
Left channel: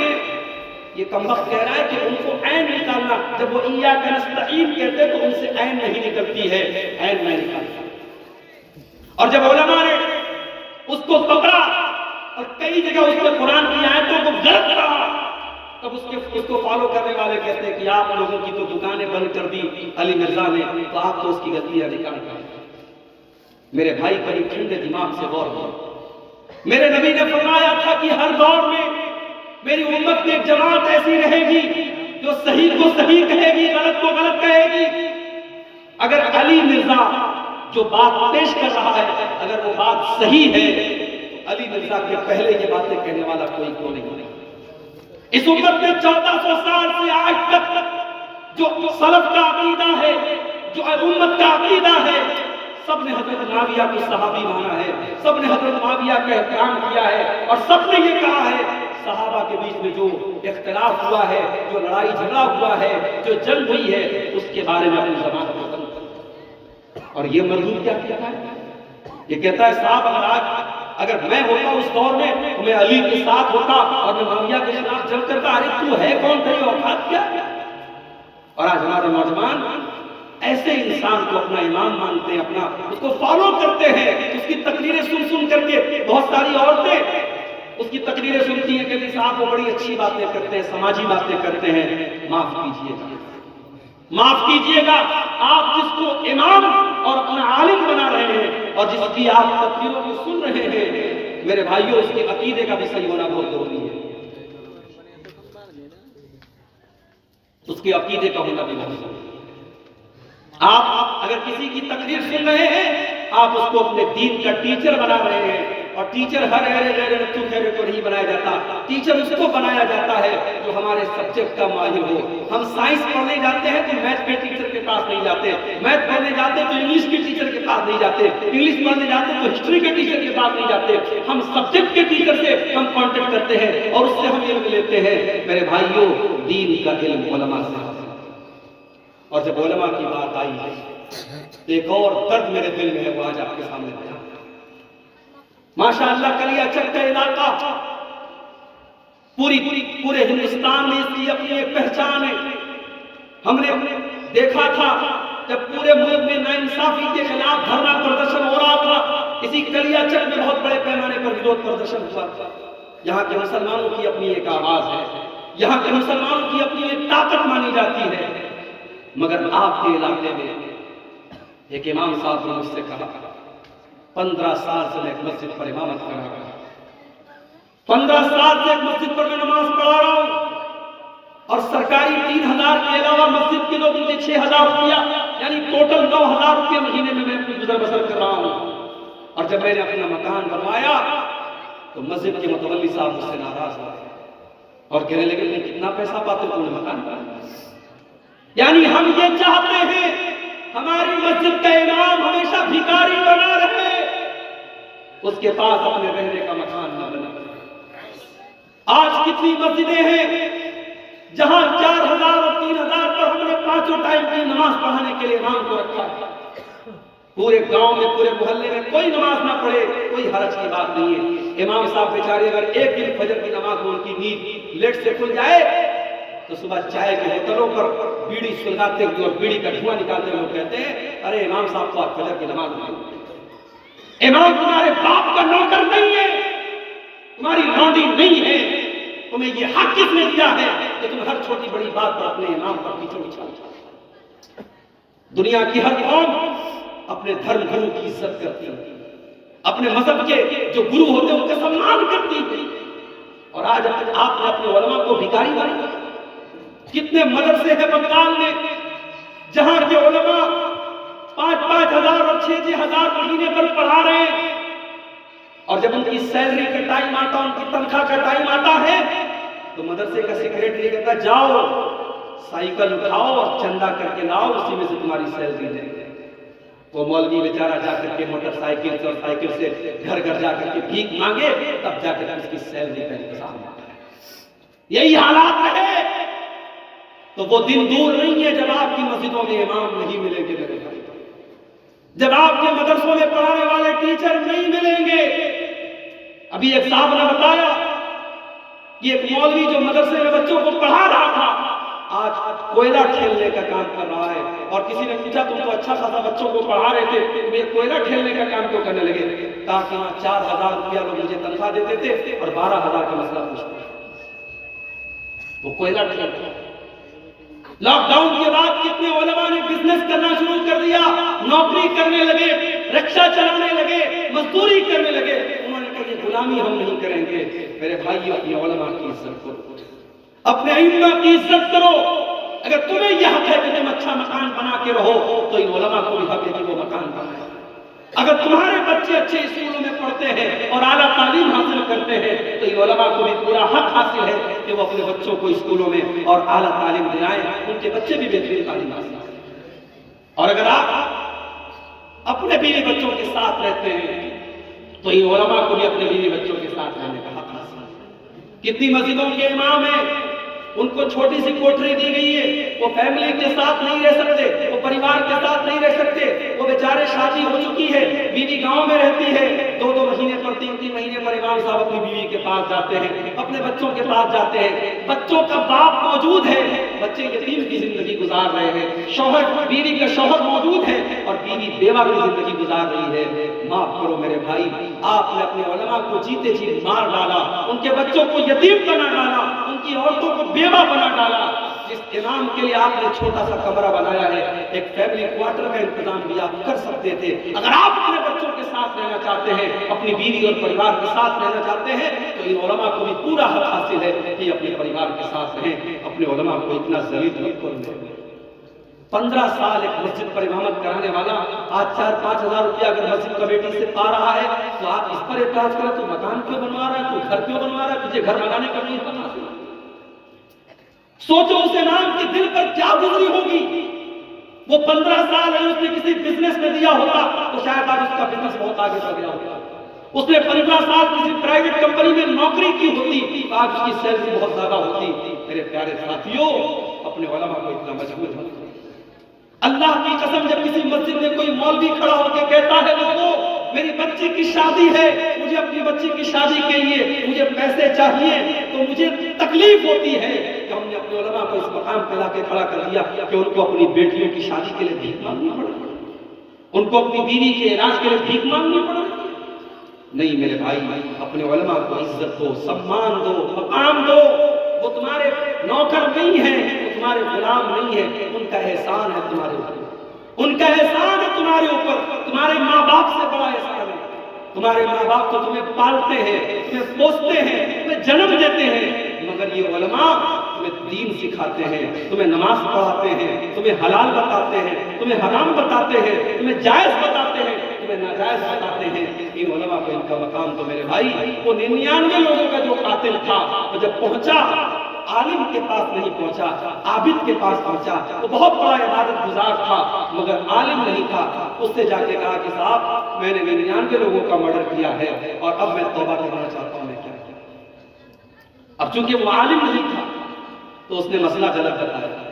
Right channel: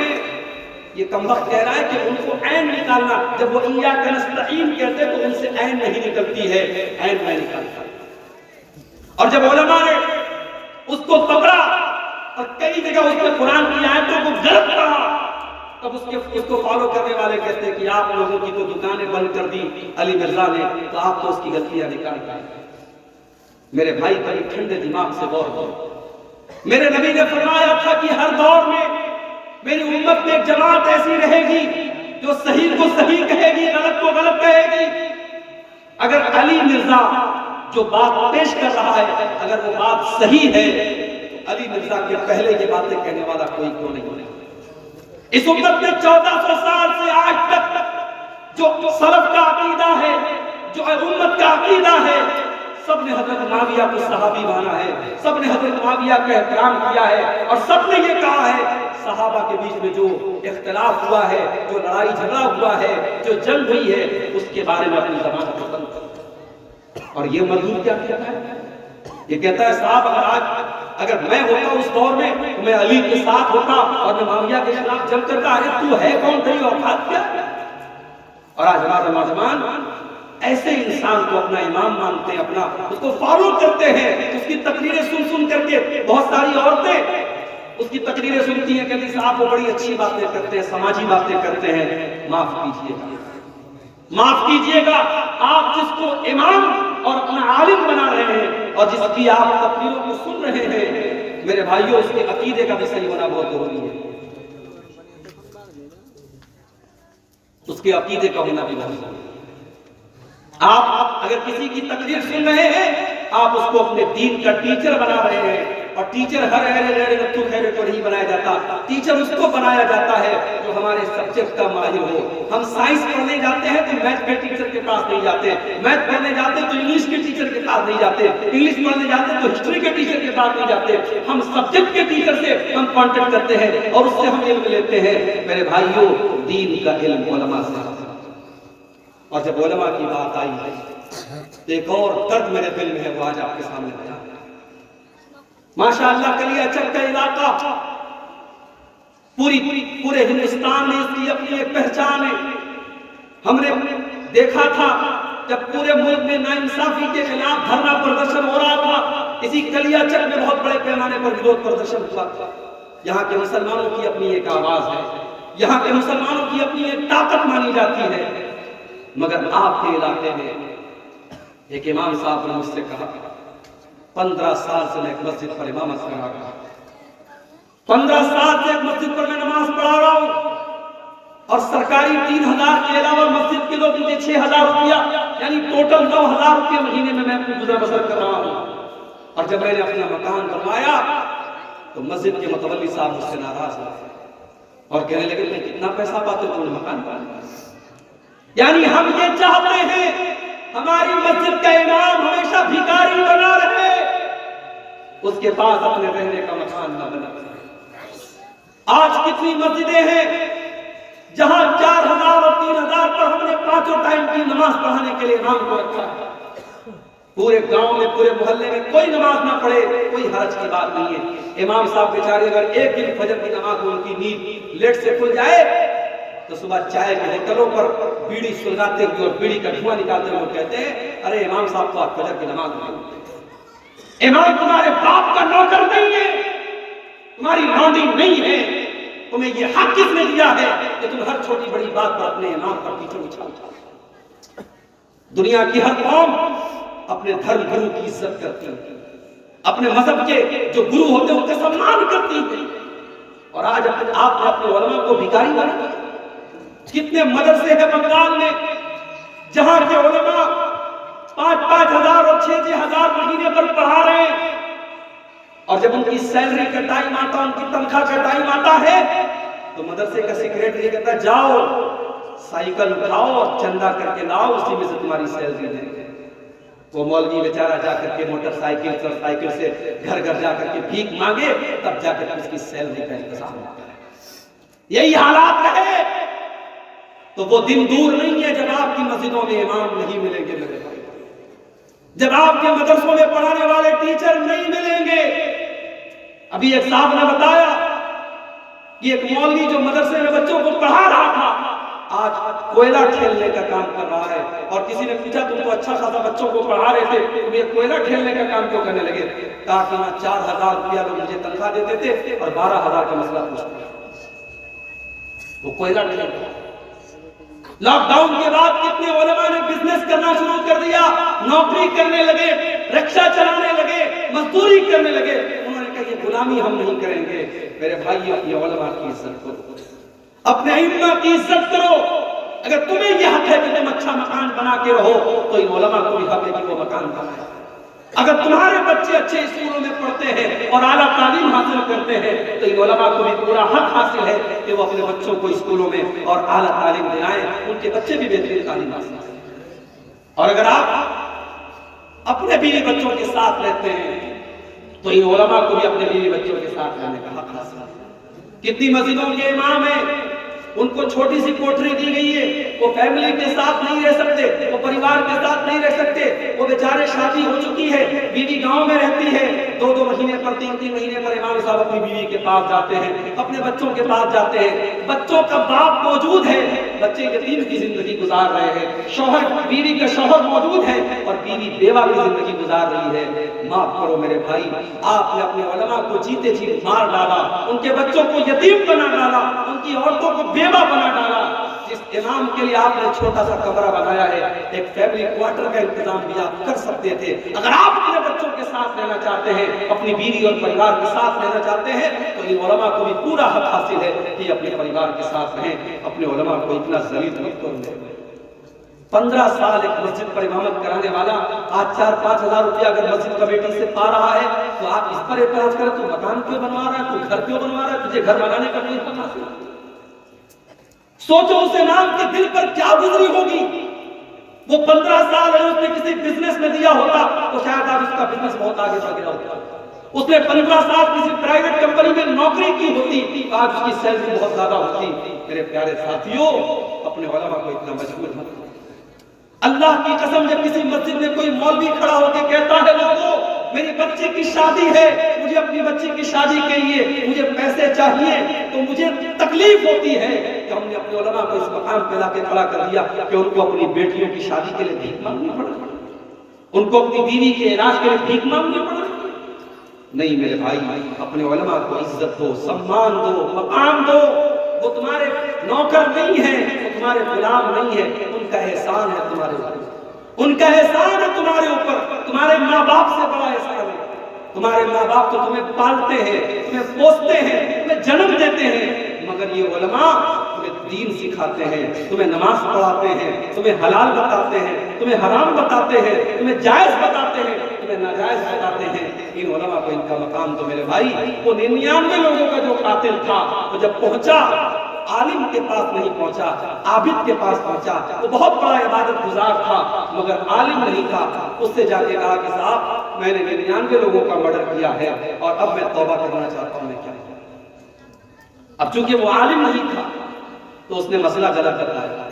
یہ کمبخت کہہ رہا ہے کہ ان کو عین نکالنا، جب وہ ایاک نستعین کہتے تو ان سے عین نہیں نکلتی ہے، عین نہیں نکالتا۔ اور جب علماء نے اس کو پکڑا اور کئی جگہ اس میں قرآن کی آیتوں کو غلط کہا، تب اس کو فالو کرنے والے کہتے ہیں کہ آپ لوگوں کی تو دکانیں بند کر دی علی مرزا نے، تو آپ تو اس کی غلطیاں نکال گئے۔ میرے بھائی کبھی ٹھنڈے دماغ سے غور کرو۔ میرے نبی نے فرمایا تھا کہ ہر دور میں میری امت میں ایک جماعت ایسی رہے گی جو صحیح کو صحیح کہے گی، غلط کو غلط کہے گی۔ اگر علی مرزا جو بات پیش کر رہا ہے اگر وہ بات صحیح ہے تو علی مرزا کے پہلے یہ باتیں کہنے والا کوئی کیوں نہیں ہے۔ اس امت میں 1400 سال سے آج تک جو سلف کا عقیدہ ہے، جو امت کا عقیدہ ہے، سب نے حضرت معاویہ کو صحابی مانا ہے، سب نے حضرت معاویہ کا احترام کیا ہے، اور سب نے یہ کہا ہے صحابہ کے بیچ میں جو اختلاف ہوا ہے، جو لڑائی جھگڑا ہوا ہے، جو جنگ ہوئی ہے، اس کے بارے میں اپنی زبان کو بند کرو۔ اور یہ مرغوب کیا کہتا ہے؟ یہ کہتا ہے صاحب اگر میں ہوتا اس دور میں تو میں علی کے ساتھ ہوتا اور میں معاویہ کے خلاف جنگ کرتا۔ ارے تو ہے کون، تیری اوقات کیا؟ اور آج ہمارے نوجوان ایسے انسان کو اپنا امام مانتے ہیں، اپنا اس کو فالو کرتے ہیں، اس کی تقریریں سن سن کر کے بہت ساری عورتیں اس کی تقریریں سنتی ہیں، کہتی صاحب وہ بڑی اچھی باتیں کرتے ہیں، سماجی باتیں کرتے ہیں۔ معاف کیجئے گا، معاف کیجئے گا، آپ جس کو امام اور اپنا عالم بنا رہے ہیں اور جس کی آپ تقریروں کو سن رہے ہیں، میرے بھائیوں اس کے عقیدے کا بھی صحیح ہونا بہت ضروری ہے، اس کے عقیدے کا ہونا بھی بہت ضروری ہے۔ آپ اگر کسی کی تقریر سن رہے ہیں، آپ اس کو اپنے دین کا ٹیچر بنا رہے ہیں، اور ٹیچر ہر رتو خیر کو نہیں بنایا جاتا، ٹیچر اس کو بنایا جاتا ہے جو ہمارے سبجیکٹ کا ماہر ہو۔ ہم سائنس پڑھنے جاتے ہیں تو میتھ کے ٹیچر کے پاس نہیں جاتے، میتھ پڑھنے جاتے تو انگلش کے ٹیچر کے پاس نہیں جاتے، انگلش پڑھنے جاتے تو ہسٹری کے ٹیچر کے پاس نہیں جاتے، ہم سبجیکٹ کے ٹیچر سے ہم کانٹیکٹ کرتے ہیں اور اس سے ہم علم لیتے ہیں۔ میرے بھائیوں، دین کا علم علماء سے، اور جب علماء کی بات آئی ایک اور درد میرے دل میں ہے، وہ آج آپ کے سامنے بیان ہے۔ ماشاءاللہ کلیا چک کا علاقہ پورے ہندوستان میں اس کی اپنی ایک پہچان ہے۔ ہم نے دیکھا تھا جب پورے ملک میں ناانصافی کے خلاف دھرنا پردرشن ہو رہا تھا، اسی کلیا چک میں بہت بڑے پیمانے پر وروධ پردرشن ہوا تھا۔ یہاں کے مسلمانوں کی اپنی ایک آواز ہے، یہاں کے مسلمانوں کی اپنی ایک طاقت مانی جاتی ہے، مگر آپ کے علاقے میں ایک امام صاحب نے مجھ سے کہا 15 سال سے میں ایک مسجد پر امامت کر رہا ہوں، 15 سال سے ایک مسجد پر میں نماز پڑھا رہا ہوں، اور سرکاری 3000 کے علاوہ مسجد کے لوگ مجھے 6000 روپیہ یعنی ٹوٹل 9000 روپیہ مہینے میں اپنی گزر بسر کر رہا ہوں۔ اور جب میں نے اپنا مکان بنوایا تو مسجد کے متولی صاحب مجھ سے ناراض ہوئے اور کہنے لگے تم کتنا پیسہ پاتے ہو، تم نے مکان بنایا؟ یعنی ہم یہ چاہتے ہیں ہماری مسجد کا امام ہمیشہ بھکاری بنا رہے، اس کے پاس اپنے رہنے کا مکان نہ بنا۔ آج کتنی مسجدیں ہیں جہاں 4000 اور 3000 پر ہم نے 5 ٹائم کی نماز پڑھانے کے لیے امام کو رکھا ہے۔ پورے گاؤں میں، پورے محلے میں کوئی نماز نہ پڑھے، کوئی حرج کی بات نہیں ہے۔ امام صاحب بیچارے اگر ایک دن فجر کی نماز میں ان کی نیند لیٹ سے کھل جائے تو صبح چائے کے ہوٹلوں پر بیڑی سلگاتے ہوئے اور بیڑی کا دھواں نکالتے ہوئے کہتے ہیں ارے امام صاحب تو آج فجر کی نماز میں۔ امام تمہارے باپ کا نوکر نہیں ہے، تمہاری لونڈی نہیں ہے، تمہیں یہ حق کس نے دیا ہے کہ تم ہر چھوٹی بڑی بات پر اپنے امام پر کیچڑ اچھالتے؟ دنیا کی ہر قوم اپنے دھرم گرو کی عزت کرتی ہے، اپنے مذہب کے جو گرو ہوتے ہیں ان کا سمان کرتی ہے، اور آج آپ نے اپنے علماء کو بھکاری بنا۔ کتنے مدرسے ہیں بنگال میں جہاں کے علماء 5-5 ہزار اور 6-6 ہزار مہینے پر پڑھا رہے ہیں، اور جب ان کی سیلری کا ٹائم آتا، ان کی تنخواہ کا ٹائم آتا ہے تو مدرسے کا سیکریٹری کہتا ہے جاؤ سائیکل اٹھاؤ اور چندہ کر کے لاؤ، اسی میں سے تمہاری سیلری دیں گے۔ وہ مولوی بیچارہ جا کر کے موٹر سائیکل سے اور سائیکل سے گھر گھر جا کر کے بھیک مانگے، تب جا کر اس کی سیلری کا انتظام ہوتا ہے۔ یہی حالات رہے تو وہ دن دور نہیں ہے جب آپ کی مسجدوں میں امام نہیں ملیں گے میرے بھائی، جب آپ کے مدرسوں میں پڑھانے والے ٹیچر نہیں ملیں گے۔ ابھی ایک صاحب نے بتایا کہ ایک مولوی جو مدرسے میں بچوں کو پڑھا رہا تھا آج کوئلہ ٹھیلنے کا کام کر رہا ہے، اور کسی نے پوچھا تم تو اچھا خاصا بچوں کو پڑھا رہے تھے، تم یہ کوئلہ ٹھیلنے کا کام کیوں کرنے لگے؟ کہا کہ وہاں 4000 روپیہ لوگ مجھے تنخواہ دیتے تھے اور 12000 کا مسئلہ پوچھتے، وہ کوئلہ ٹھیل رہا۔ لاک ڈاؤن کے بعد کتنے علماء نے بزنس کرنا شروع کر دیا، نوکری کرنے لگے، رکشہ چلانے لگے، مزدوری کرنے لگے۔ انہوں نے کہا یہ غلامی ہم نہیں کریں گے۔ میرے بھائی اپنے علماء کی عزت کرو، اپنے ائمہ کی عزت کرو۔ اگر تمہیں یہ حق ہے کہ تم اچھا مکان بنا کے رہو تو ان علماء کو بھی حق ہے کہ وہ مکان بنائیں۔ اگر تمہارے بچے اچھے اسکولوں میں پڑھتے ہیں اور اعلیٰ تعلیم حاصل کرتے ہیں تو ان علماء کو بھی پورا حق حاصل ہے کہ وہ اپنے بچوں کو اسکولوں میں اور اعلیٰ تعلیم دلائیں، ان کے بچے بھی بہترین تعلیم حاصل کریں۔ اور اگر آپ اپنے بیوی بچوں کے ساتھ رہتے ہیں تو ان علماء کو بھی اپنے بیوی بچوں کے ساتھ رہنے کا حق حاصل ہے۔ کتنی مسجدوں کے امام ہیں ان کو چھوٹی سی کوٹری دی گئی ہے، وہ فیملی کے ساتھ نہیں رہ سکتے، وہ پریوار کے ساتھ نہیں رہ سکتے، وہ بیچارے شادی ہو چکی ہے، بیوی گاؤں میں رہتی ہے، 2-2 مہینے پر 3-3 مہینے پر امام صاحب اپنی بیوی کے پاس جاتے ہیں، اپنے بچوں کے پاس جاتے ہیں، بچوں کا باپ موجود ہے، بچے یتیم کی زندگی گزار رہے ہیں، شوہر بیوی کا شوہر موجود ہے اور بیوی بیوہ کی زندگی گزار رہی ہے۔ معاف کرو میرے بھائی، آپ نے اپنے علماء کو جیتے جی مار ڈالا، ان کے بچوں کو یتیم بنا ڈالا، ان کی عورتوں کو بیوہ بنا ڈالا۔ جس امام کے لیے آپ نے چھوٹا سا کمرہ بنایا ہے، ایک فیملی کوارٹر کا انتظام بھی آپ کر سکتے تھے۔ اگر آپ اپنے بچوں کے ساتھ رہنا چاہتے ہیں، اپنی بیوی اور پریوار کے ساتھ رہنا چاہتے ہیں تو ان علماء کو بھی پورا حق حاصل ہے کہ اپنے پریوار کے ساتھ رہیں۔ اپنے علماء کو اتنا ذلیل مت کرو، 15 سال ایک مسجد پر امامت کرانے والا آج 4-5 ہزار روپیہ اگر مسجد کمیٹی سے پا رہا ہے تو آپ اس پر اعتراض کریں تو مکان کیوں بنوا رہا ہے، تو گھر کیوں بنوا رہا ہے، تجھے گھر بنانے کا نہیں پتا؟ سوچو اس امام کے دل پر کیا گزری ہوگی. وہ 15 سال اس نے کسی بزنس میں دیا ہوتا تو شاید آج اس کا بزنس بہت آگے بڑھ گیا ہوتا. اس نے 15 سال کسی پرائیویٹ کمپنی میں نوکری کی ہوتی تو آج اس کی سیلری بہت زیادہ ہوتی. میرے پیارے ساتھیوں، اپنے علماء کو اتنا مجبور مت کرو. اللہ کی قسم، جب کسی مسجد میں کوئی مولوی کھڑا ہو کے کہتا ہے لوگوں میری بچی کی شادی ہے، مجھے اپنی بچی کی شادی کے لیے مجھے پیسے چاہیے، تو مجھے تکلیف ہوتی ہے کہ ہم نے اپنے علماء کو اس مقام پہ لا کے کھڑا کر دیا کہ ان کو اپنی بیٹیوں کی شادی کے لیے بھیک مانگنی پڑا، ان کو اپنی بیوی کے علاج کے لیے بھیک مانگنی پڑا. نہیں میرے بھائی، اپنے علماء کو عزت دو، سمان دو، مقام دو. وہ تمہارے نوکر نہیں ہیں، وہ تمہارے غلام نہیں ہیں. ان کا احسان ہے تمہارے اوپر، ان کا احسان ہے تمہارے اوپر. تمہارے ماں باپ سے بڑا احسان ہے. تمہارے ماں باپ تو تمہیں پالتے ہیں، تمہیں پوستے ہیں، تمہیں جنم دیتے ہیں، مگر یہ علماء تمہیں دین سکھاتے ہیں، تمہیں نماز پڑھاتے ہیں، تمہیں حلال بتاتے ہیں، تمہیں حرام بتاتے ہیں، تمہیں جائز بتاتے ہیں، تمہیں ناجائز بتاتے ہیں. ان علماء کو ان کا مقام تو میرے بھائی. وہ 99 لوگوں کا جو قاتل تھا وہ جب پہنچا عالم کے پاس نہیں پہنچا، عابد کے پاس پہنچا. وہ بہت بڑا عبادت گزار تھا مگر عالم نہیں تھا. اس سے جا کے کہا کہ صاحب میں نے 99 لوگوں کا مرڈر کیا ہے اور اب میں توبہ کرنا چاہتا ہوں. میں کیا کروں؟ اب چونکہ وہ عالم نہیں تھا تو اس نے مسئلہ غلط بتایا.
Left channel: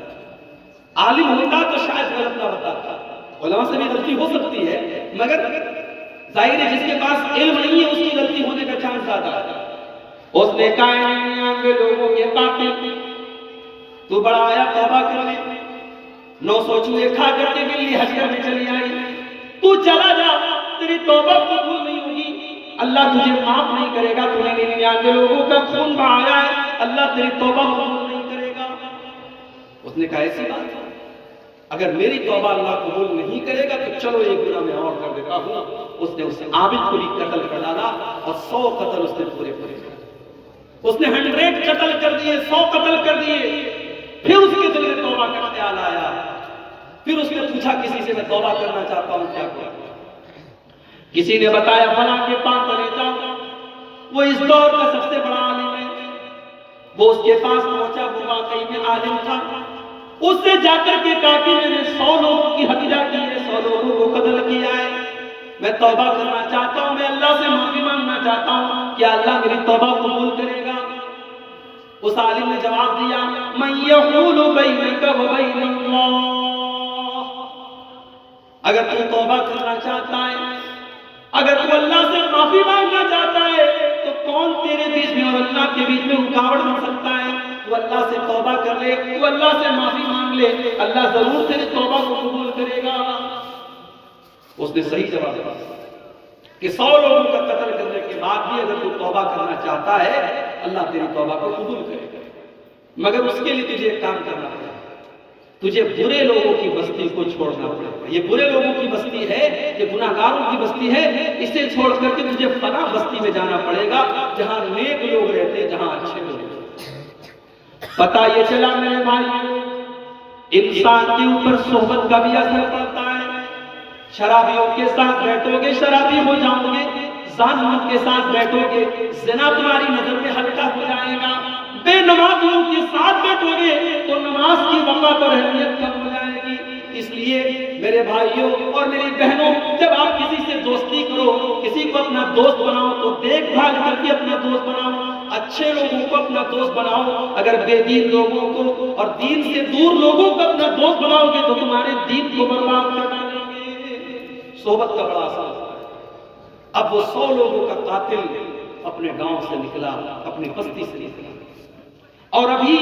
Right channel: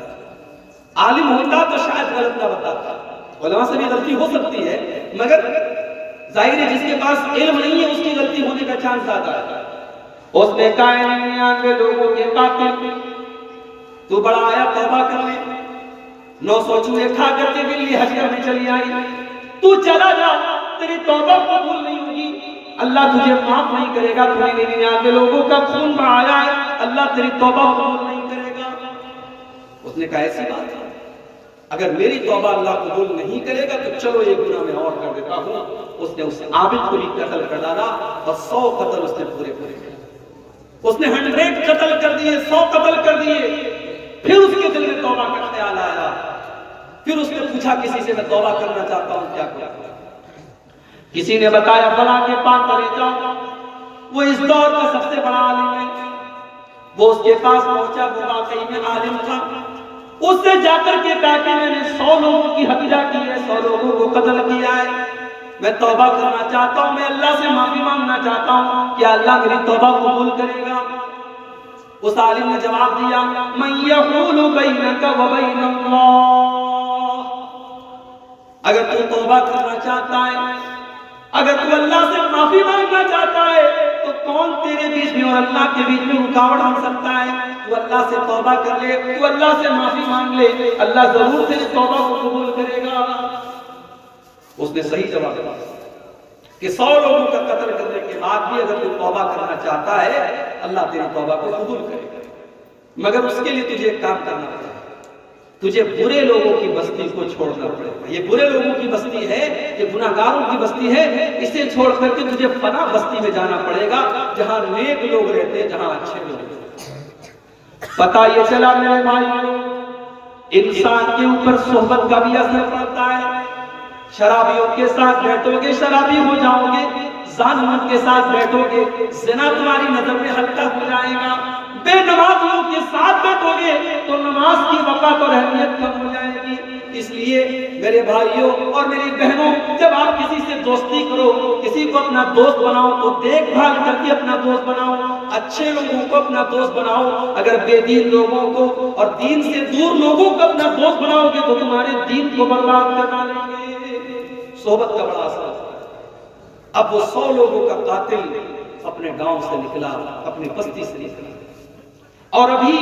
عالم ہوتا تو شاید غلط نہ بتاتا. علماء سے بھی غلطی ہو سکتی ہے مگر ظاہر ہے جس کے پاس علم نہیں ہے اس کی غلطی ہونے کا چانس زیادہ ہے. اس نے کہا 99 لوگوں کے قاتل تو بڑا آیا توبہ کر لے. 900 چوہے کھا کر کے بلی حج کرنے چلی آئی. تو چلا جا، تیری توبہ قبول نہیں ہوگی، اللہ تجھے معاف نہیں کرے گا. تو نے 99 لوگوں کا خون بہایا ہے، اللہ تیری توبہ قبول نہیں کرے گا. اس نے کہا ایسی بات ہے، اگر میری توبہ اللہ قبول نہیں کرے گا تو چلو ایک گناہ میں اور کر دیتا ہوں. اس نے اس عابد کو بھی قتل کر ڈالا اور 100 قتل اس نے پورے کیے. اس نے 100 قتل کر دیے، 100 قتل کر دیے. پھر اس کے دل میں توبہ کا خیال آیا. پھر اس نے پوچھا کسی سے میں توبہ کرنا چاہتا ہوں، کیا کروں؟ کسی نے بتایا فلاں کے پاس چلے جاؤ، وہ اس دور کا سب سے بڑا عالم ہے. وہ اس کے پاس پہنچا، وہ واقعی میں عالم تھا. اس سے جا کر کے کہا کہ میں نے 100 لوگوں کی ہتیا کی ہے، 100 لوگوں کو قتل کیا ہے، میں توبہ کرنا چاہتا ہوں، میں اللہ سے معافی مانگنا چاہتا ہوں، کیا اللہ میری توبہ قبول کرے گا؟ اس عالم نے جواب دیا من یحول بینک و بین اللہ. اگر تو توبہ کرنا چاہتا ہے، اگر تو اللہ سے معافی مانگنا چاہتا ہے تو کون تیرے بیچ میں اور اللہ کے بیچ میں رکاوٹ بن سکتا ہے؟ تو اللہ سے توبہ کر لے، تو اللہ سے معافی مانگ لے، اللہ ضرور تیری توبہ کو قبول کرے گا. اس نے صحیح جواب دیا کہ 100 لوگوں کا قتل کرنے کے بعد بھی اگر تو توبہ کرنا چاہتا ہے اللہ تیری توبہ کو قبول کرے گا، مگر اس کے لیے تجھے ایک کام کرنا پڑے گا. تجھے برے لوگوں کی بستی کو چھوڑنا پڑے گا. یہ برے لوگوں کی بستی ہے، یہ گناہگاروں کی بستی ہے. اسے چھوڑ کر کے تجھے فلاں بستی میں جانا پڑے گا جہاں نیک لوگ رہتے، جہاں اچھے لوگ رہتے. پتہ یہ چلا میرے بھائیوں، انسان کے اوپر صحبت کا بھی اثر پڑتا ہے. شرابیوں کے ساتھ بیٹھو گے شرابی ہو جاؤ گے، زانیوں کے ساتھ بیٹھو گے زنا تمہاری نظر میں ہلکا ہو جائے گا. بے نمازیوں کے ساتھ بیٹھو گے تو نماز کی وقت اور اہمیت کم ہو جائے گی. اس لیے میرے بھائیوں اور میری بہنوں، جب آپ کسی سے دوستی کرو، کسی کو اپنا دوست بناؤ تو دیکھ بھال کر کے اپنا دوست بناؤ. اچھے لوگوں کو اپنا دوست بناؤ. اگر بے دین لوگوں کو اور دین سے دور لوگوں کو اپنا دوست بناؤ گے تو تمہارے دین کو برباد کر ڈالیں گے. صحبت کا بڑا اثر. اب وہ 100 لوگوں کا قاتل اپنے گاؤں سے نکلا، اپنی بستی سے نکلا، اور ابھی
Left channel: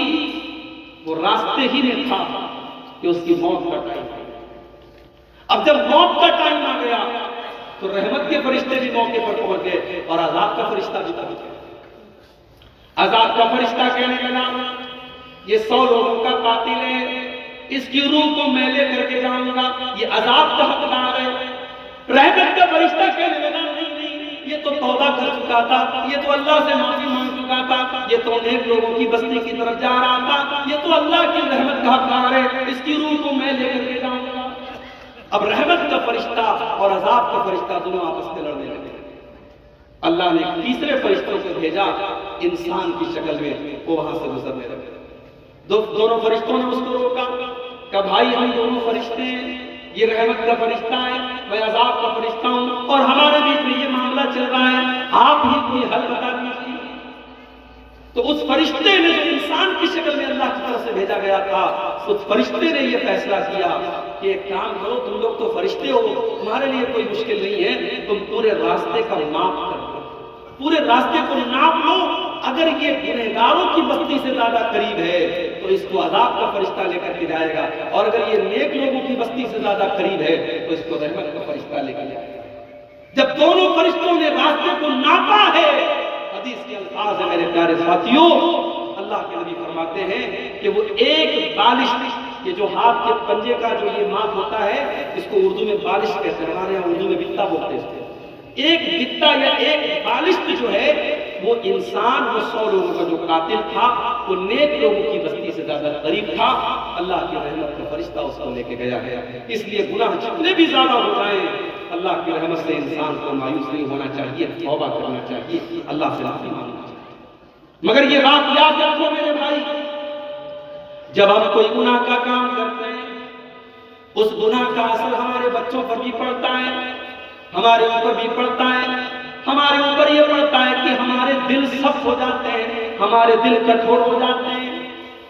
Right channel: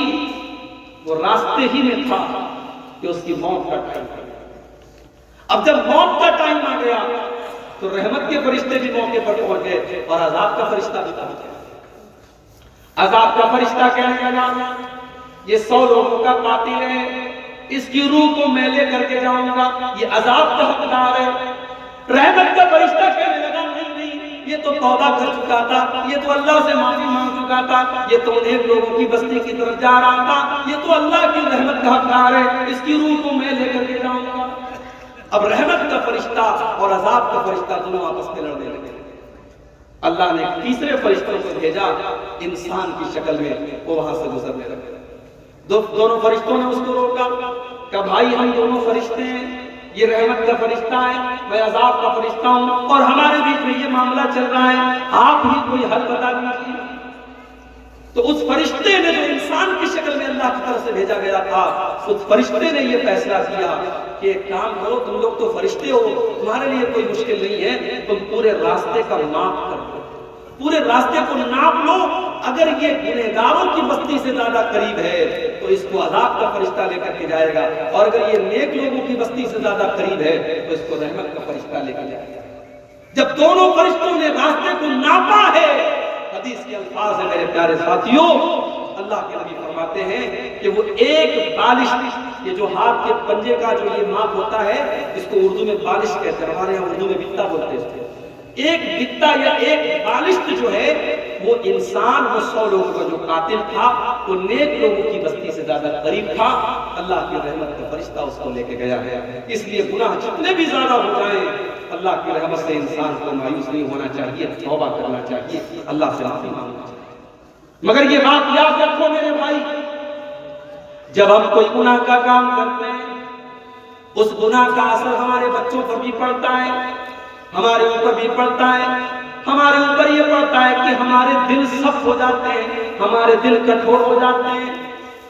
وہ راستے ہی میں تھا کہ اس کی موت کا ٹائم آ گیا. اب جب موت کا ٹائم آ گیا تو رحمت کے فرشتے بھی موقع پر پہنچ گئے اور عذاب کا فرشتہ بھی پہنچ گیا. عذاب کا فرشتہ کہنے لگا یہ 100 لوگوں کا قاتل ہے، اس کی روح کو میں لے کر کے جاؤں گا، یہ عذاب کا حقدار ہے. رحمت کا فرشتہ کہنے لگا نہیں، یہ تو توبہ کر چکا تھا، یہ تو اللہ سے معافی مانگ چکا چکا تھا، یہ تو نیک لوگوں کی بستی کی طرف جا رہا تھا، یہ تو اللہ کی رحمت کا حقدار ہے، اس کی روح کو میں لے کر کے جاؤں گا۔ اب رحمت کا فرشتہ اور عذاب کا فرشتہ دونوں آپس میں لڑنے لگے۔ اللہ نے تیسرے فرشتوں کو بھیجا انسان کی شکل میں، وہ وہاں سے گزرنے لگے۔ دونوں فرشتوں نے اس کو روکا کہ بھائی ہم دونوں فرشتے ہیں، یہ رحمت کا فرشتہ ہے، میں عذاب کا فرشتہ ہوں، اور ہمارے بیچ میں یہ معاملہ چل رہا ہے، آپ ہی کوئی حل بتا دیجیے۔ تو اس فرشتے نے جو انسان کی شکل میں اللہ کی طرف سے بھیجا گیا تھا، اس فرشتے نے یہ فیصلہ کیا کہ ایک کام کرو، تم لوگ تو فرشتے ہو، تمہارے لیے کوئی مشکل نہیں ہے، تم پورے راستے کا ناپ کر لو، پورے راستے کو ناپ لو، اگر یہ گنہگاروں کی بستی سے زیادہ قریب ہے تو اس کو عذاب کا فرشتہ لے کر کے جائے گا، اور اگر یہ نیک لوگوں کی بستی سے زیادہ قریب ہے تو اس کو رحمت کا فرشتہ لے کے جائے گا۔ جب دونوں فرشتوں نے راستے کو ناپا ہے، حدیث کے الفاظ ہیں میرے پیارے ساتھیوں، اللہ کے نبی فرماتے ہیں کہ وہ ایک بالش، یہ جو ہاتھ کے پنجے کا جو یہ ماپ ہوتا ہے، اس کو اردو میں بالش کہتے ہیں، ہمارے یہاں اردو میں بتا بولتے ہیں، ایک بتا یا ایک بالشت جو ہے وہ انسان، وہ 100 لوگوں کا جو قاتل تھا، وہ نیک لوگوں کی بستی سے زیادہ قریب تھا، اللہ کی رحمت کا فرشتہ اس کو لے کے گیا ہے۔ اس لیے گناہ جتنے بھی زیادہ ہو جائیں، اللہ کی رحمت سے انسان کو مایوس نہیں ہونا چاہیے، توبہ کرنا چاہیے، اللہ سے معافی مانگنا چاہیے۔ مگر یہ بات یاد رکھو میرے بھائی، جب ہم کوئی گناہ کا کام کرتے ہیں، اس گناہ کا اثر ہمارے بچوں پر بھی پڑتا ہے، ہمارے اوپر بھی پڑتا ہے، ہمارے اوپر یہ پڑتا ہے کہ ہمارے دل سخت ہو جاتے ہیں، ہمارے دل کٹھور ہو جاتے ہیں،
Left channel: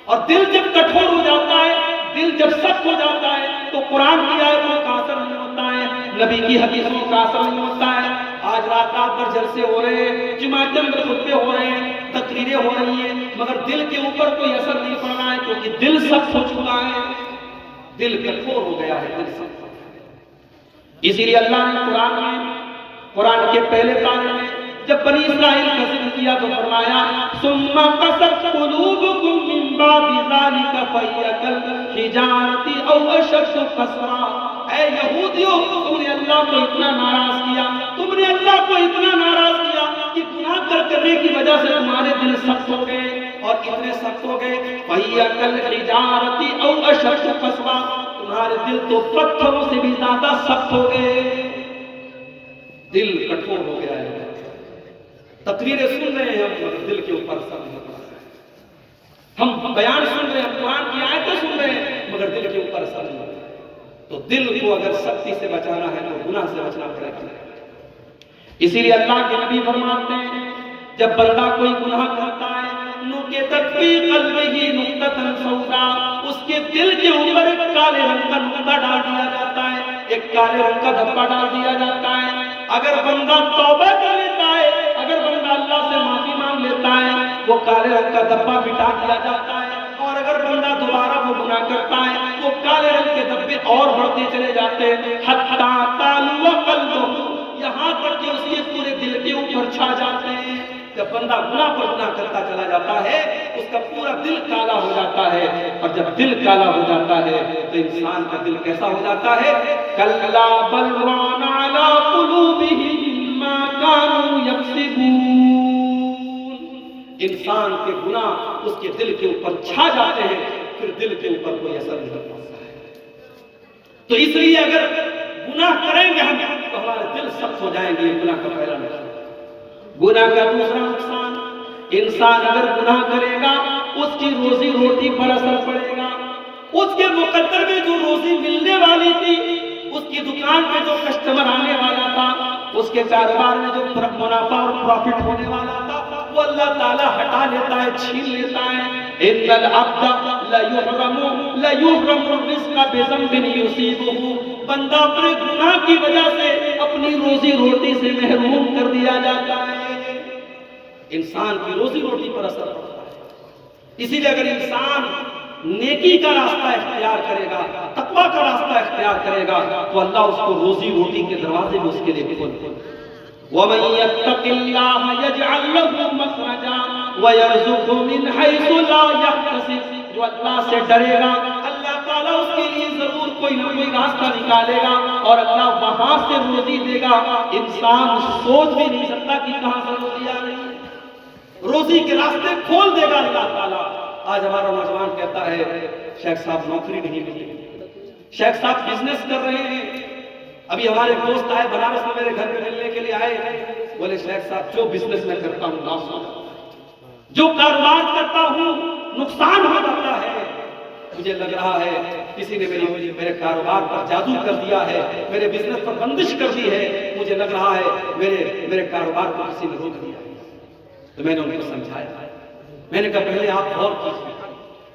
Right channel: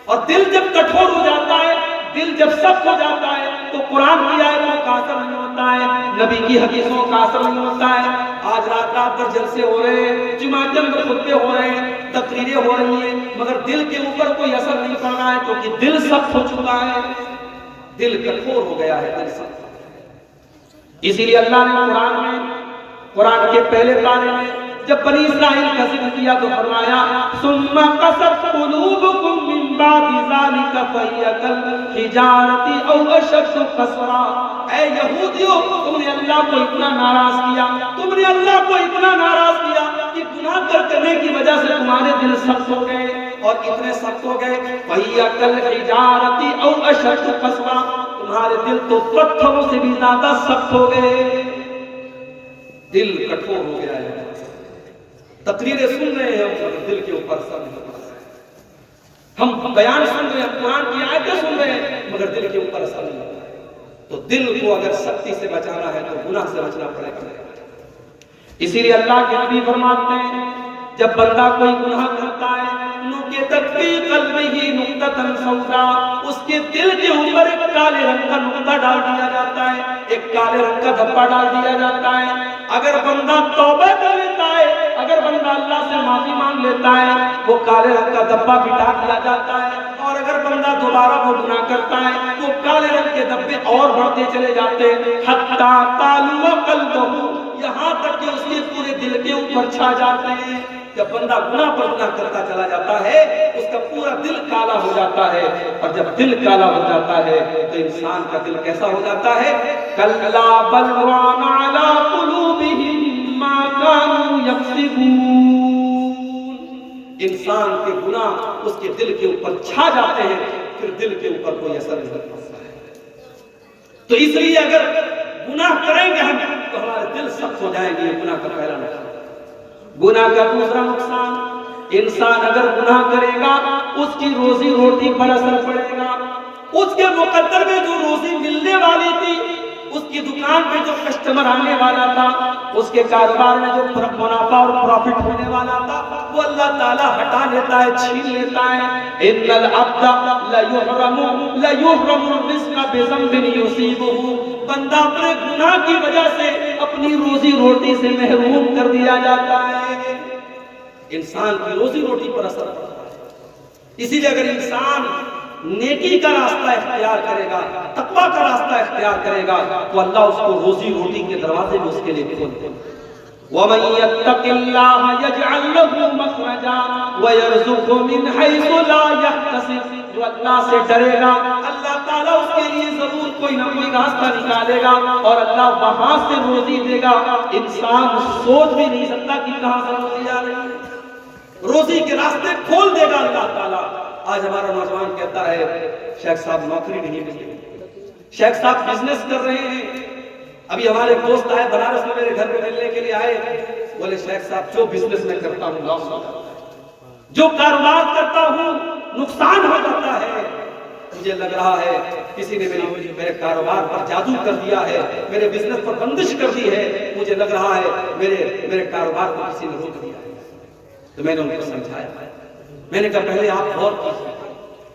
اور دل جب کٹھور ہو جاتا ہے، دل جب سخت ہو جاتا ہے تو قرآن کی آیتوں کا اثر نہیں ہوتا ہے، نبی کی حدیثوں کا اثر نہیں ہوتا ہے۔ آج رات رات بھر جلسے ہو رہے ہیں، جمعہ کے اندر خطبے ہو رہے ہیں، تقریریں ہو رہی ہیں، مگر دل کے اوپر کوئی اثر نہیں پڑ رہا ہے، کیونکہ دل سخت ہو چکا ہے، دل کٹھور ہو گیا ہے، دل سخت۔ اسی لیے اللہ نے قرآن کے پہلے پارے میں جب بنی اسرائیل کا ذکر کیا تو فرمایا ثم قست قلوبکم من بعد ذلک فہی کالحجارۃ او اشد قسوا۔ اے یہودیوں، تم نے اللہ کو اتنا ناراض کیا، تم نے اللہ کو اتنا ناراض کیا کہ گناہ کرنے کی وجہ سے تمہارے دل سخت ہو گئے، اور اتنے سخت ہو گئے فہی کالحجارۃ او اشد قسوا، تمہارے دل تو پتھروں سے بھی زیادہ سخت ہو گئے، دل کٹھور ہو گیا ہے۔ تقریریں سن رہے ہیں ہم، دل کے اوپر سب نہیں پڑ رہا ہے، ہم بیان سن رہے ہیں، قرآن کی آیتیں سن رہے ہیں، مگر دل کے اوپر سب نہیں پڑ رہا ہے۔ تو دل کو اگر سختی سے بچانا ہے تو گناہ سے بچنا پڑے گا۔ اسی لیے اللہ کے نبی فرماتے ہیں جب بندہ کوئی گناہ کرتا ہے، نُکِتَتْ فِی قَلْبِهِ نُقْطَةً سَوْدَاء، اس کے دل کے اوپر ایک کالے رنگ کا نقطہ ڈال دیا جاتا ہے، ایک کالے رنگ کا دھبا ڈال دیا جاتا ہے۔ اگر بندہ توبہ کر لیتا ہے، اگر بندہ اللہ سے معافی مانگ لیتا ہے، وہ کالے رنگ کا دھبا مٹا دیا جاتا ہے، اور اگر بندہ دوبارہ وہ گناہ کرتا ہے، وہ کالے رنگ کے دھبے اور بڑھتے چلے جاتے ہیں، حتیٰ تَعْلُوَ قَلْبُهُ، یہاں تک کہ اس کے پورے دل کے اوپر چھا جاتے ہیں۔ جب بندہ گناہ پر گناہ کرتا چلا جاتا ہے، اس کا پورا دل کالا ہو جاتا ہے، اور جب دل کالا ہو جاتا ہے تو انسان کا دل کیسا ہو جاتا ہے؟ کَلَّا بَلْ رَانَ عَلَىٰ قُلُوبِهِم مَّا كَانُوا يَكْسِبُونَ، انسان کے گناہ اس کے دل کے اوپر چھا جاتے ہیں، پھر دل کے اوپر کوئی اثر نہیں پڑتا ہے۔ تو اس لیے اگر گناہ کریں گے ہم تو ہمارے دل سخت ہو جائیں گے، یہ گناہ کا پہلا نقصان۔ گناہ کا دوسرا نقصان، انسان اگر گناہ کرے گا اس کی روزی روٹی پر اثر پڑے گا، اس کے مقدر میں جو روزی ملنے والی تھی، اس کی دکان پہ جو کسٹمر آنے والا تھا، اس کے کاروبار میں جو منافع اور پروفٹ ہونے والا تھا، وہ اللہ تعالیٰ ہٹا لیتا ہے، چھین لیتا ہے۔ ان العبد لیحرم الرزق بذنب یصیبہ، بندہ اپنے گناہ کی وجہ سے اپنی روزی روٹی سے محروم کر دیا جاتا ہے، انسان کی روزی روٹی پر اثر پڑتا ہے۔ اسی لیے اگر انسان نیکی کا راستہ اختیار کرے گا، تقویٰ کا راستہ اختیار کرے گا، تو اللہ اس کو روزی روٹی کے دروازے بھی اس کے لیے کھول دے گا۔ وَمَن يَتَّقِ اللَّهَ يَجْعَل لَّهُ مَخْرَجًا وَيَرْزُقْهُ مِنْ حَيْثُ لَا يَحْتَسِبُ، جو اللہ سے ڈرے گا اللہ تعالیٰ اس کے لیے ضرور کوئی نہ کوئی راستہ نکالے گا، اور اللہ وہاں سے روزی دے گا، انسان سوچ بھی نہیں سکتا کہ کہاں سے روزی آ رہی ہے۔ روزی کے راستے کھول دے گا اللہ تعالیٰ۔ آج ہمارا نوجوان کہتا ہے شیخ صاحب نوکری نہیں ملی، شیخ صاحب بزنس کر رہے ہیں۔ ابھی ہمارے دوست آئے بنارس میں میرے گھر پہ ملنے کے لیے آئے، بولے شیخ صاحب جو بزنس میں کرتا ہوں لاس ہو جاتا ہے، جو کاروبار کرتا ہوں نقصان ہو جاتا ہے، مجھے لگ رہا ہے کسی نے میرے کاروبار پر جادو کر دیا ہے، میرے بزنس پر بندش کر دی ہے، مجھے لگ رہا ہے میرے کاروبار کو کسی نے روک دیا ہے۔ تو میں نے ان کو سمجھایا، میں نے کہا پہلے آپ غور کیجیے،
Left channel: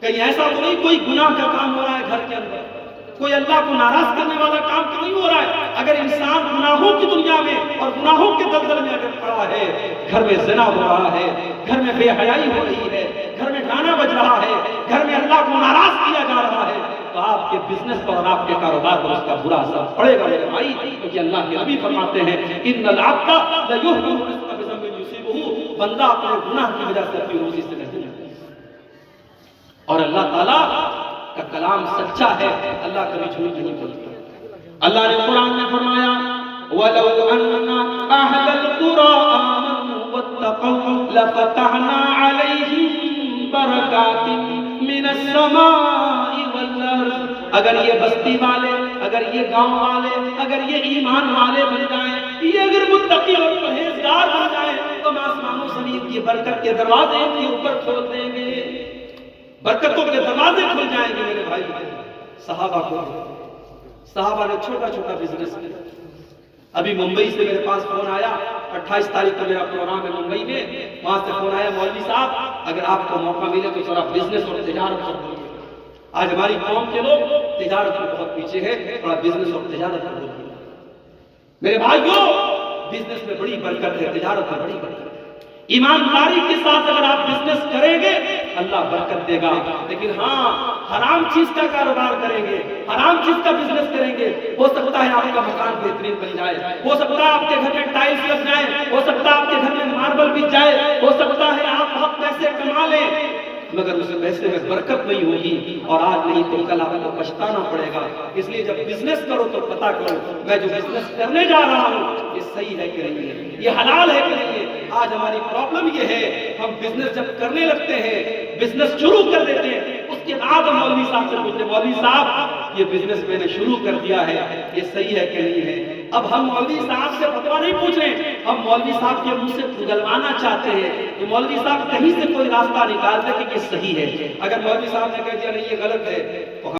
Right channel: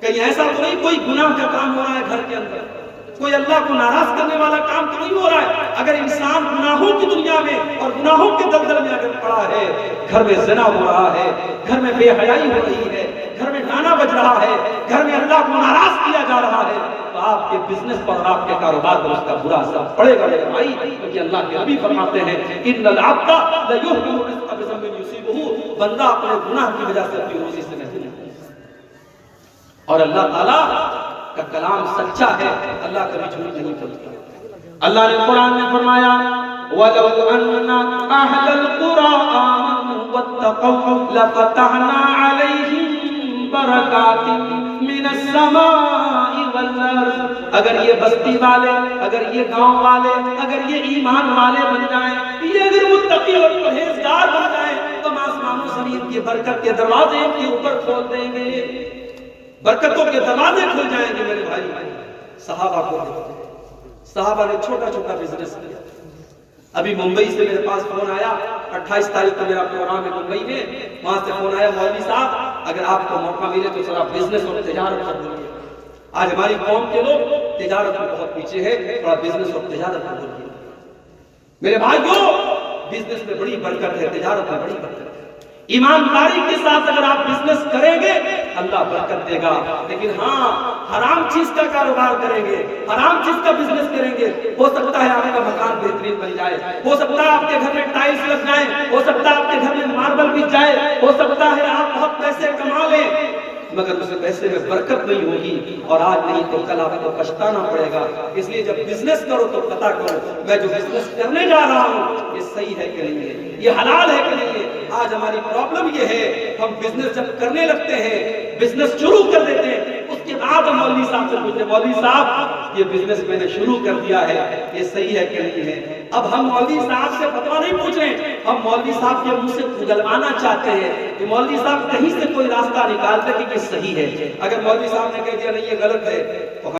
کہیں ایسا تو نہیں کوئی گناہ کا کام ہو رہا ہے گھر کے اندر، کوئی اللہ کو ناراض کرنے والا کام تو نہیں ہو رہا ہے؟ اگر انسان گناہوں کی دنیا میں اور گناہوں کے دلدل میں اگر پڑا ہے، گھر میں زنا ہو رہا ہے، گھر میں بے حیائی ہو رہی ہے، گھر میں گانا بج رہا ہے، گھر میں اللہ کو ناراض کیا جا رہا ہے، تو آپ کے بزنس پر اور آپ کے کاروبار پر اس کا برا اثر پڑے گا میرے بھائی، کیونکہ اللہ کے نبی فرماتے ہیں ان العبد لیحرم الرزق بذنب یصیبہ، بندہ اپنے گناہ کی وجہ سے اپنی روزی سے نہیں ملتا، اور اللہ تعالیٰ کا کلام سچا ہے، اللہ کبھی جھوٹ نہیں بولتا۔ اللہ نے قرآن میں فرمایا وَلَوْ أَنَّ أَهْلَ الْقُرَىٰ آمَنُوا وَاتَّقَوْا لَفَتَحْنَا عَلَيْهِمْ بَرَكَاتٍ مِّنَ السَّمَاءِ وَالْأَرْضِ، اگر یہ بستی والے، اگر یہ گاؤں والے، اگر یہ ایمان والے بن جائیں، یہ اگر متقی اور پرہیزگار بن جائیں، تو ہم آسمان و زمین کی برکت کے دروازے ان کے اوپر کھول دیں گے، برکتوں کے دروازے کھل جائیں گے میرے بھائی۔ صحابہ نے چھوٹا چھوٹا بزنس کیا۔ ابھی ممبئی سے میرے پاس فون آیا، 28 تاریخ کو میرا پروگرام ہے ممبئی میں، وہاں سے فون آیا مولوی صاحب اگر آپ کو موقع ملے تو ذرا بزنس اور تجارت پر بولیے۔ آج ہماری قوم کے لوگ تجارت میں بہت پیچھے ہیں، تھوڑا بزنس اور تجارت پر بولیے۔ میرے بھائیو بزنس میں بڑی برکت ہے، تجارت میں بڑی برکت ہے، ایمانداری کے ساتھ اگر آپ بزنس کریں گے اللہ برکت دے گا، لیکن ہاں حرام چیز کا کاروبار کریں گے، حرام چیز کا بزنس کریں گے، ہو سکتا ہے آپ کا مکان بہترین بن جائے، ہو سکتا ہے آپ کے گھر میں ٹائلز لگ جائیں، ہو سکتا ہے آپ کے گھر میں ماربل بچ جائے، ہو سکتا ہے آپ بہت پیسے کما لیں، مگر اس پیسے میں برکت نہیں ہوگی، اور آج نہیں تو کل آپ کو پچھتانا پڑے گا۔ اس لیے جب بزنس کرو تو پتا کرو میں جو بزنس کرنے جا رہا ہوں یہ صحیح ہے کہ نہیں ہے، یہ حلال ہے کہ نہیں ہے۔ آج ہماری پرابلم یہ ہے ہم بزنس جب کرنے لگتے ہیں، بزنس شروع کر دیتے ہیں، اس کے بعد ہم مولوی صاحب سے پوچھتے ہیں مولوی صاحب یہ بزنس میں نے شروع کر دیا ہے یہ صحیح ہے کہ نہیں ہے۔ اب ہم مولوی صاحب سے فتویٰ نہیں پوچھ رہے ہیں، ہم مولوی صاحب کے منہ سے گلوانا چاہتے ہیں کہ مولوی صاحب کہیں سے کوئی راستہ نکال دے کہ یہ صحیح ہے۔ اگر مولوی صاحب نے کہہ دیا نہیں یہ غلط ہے تو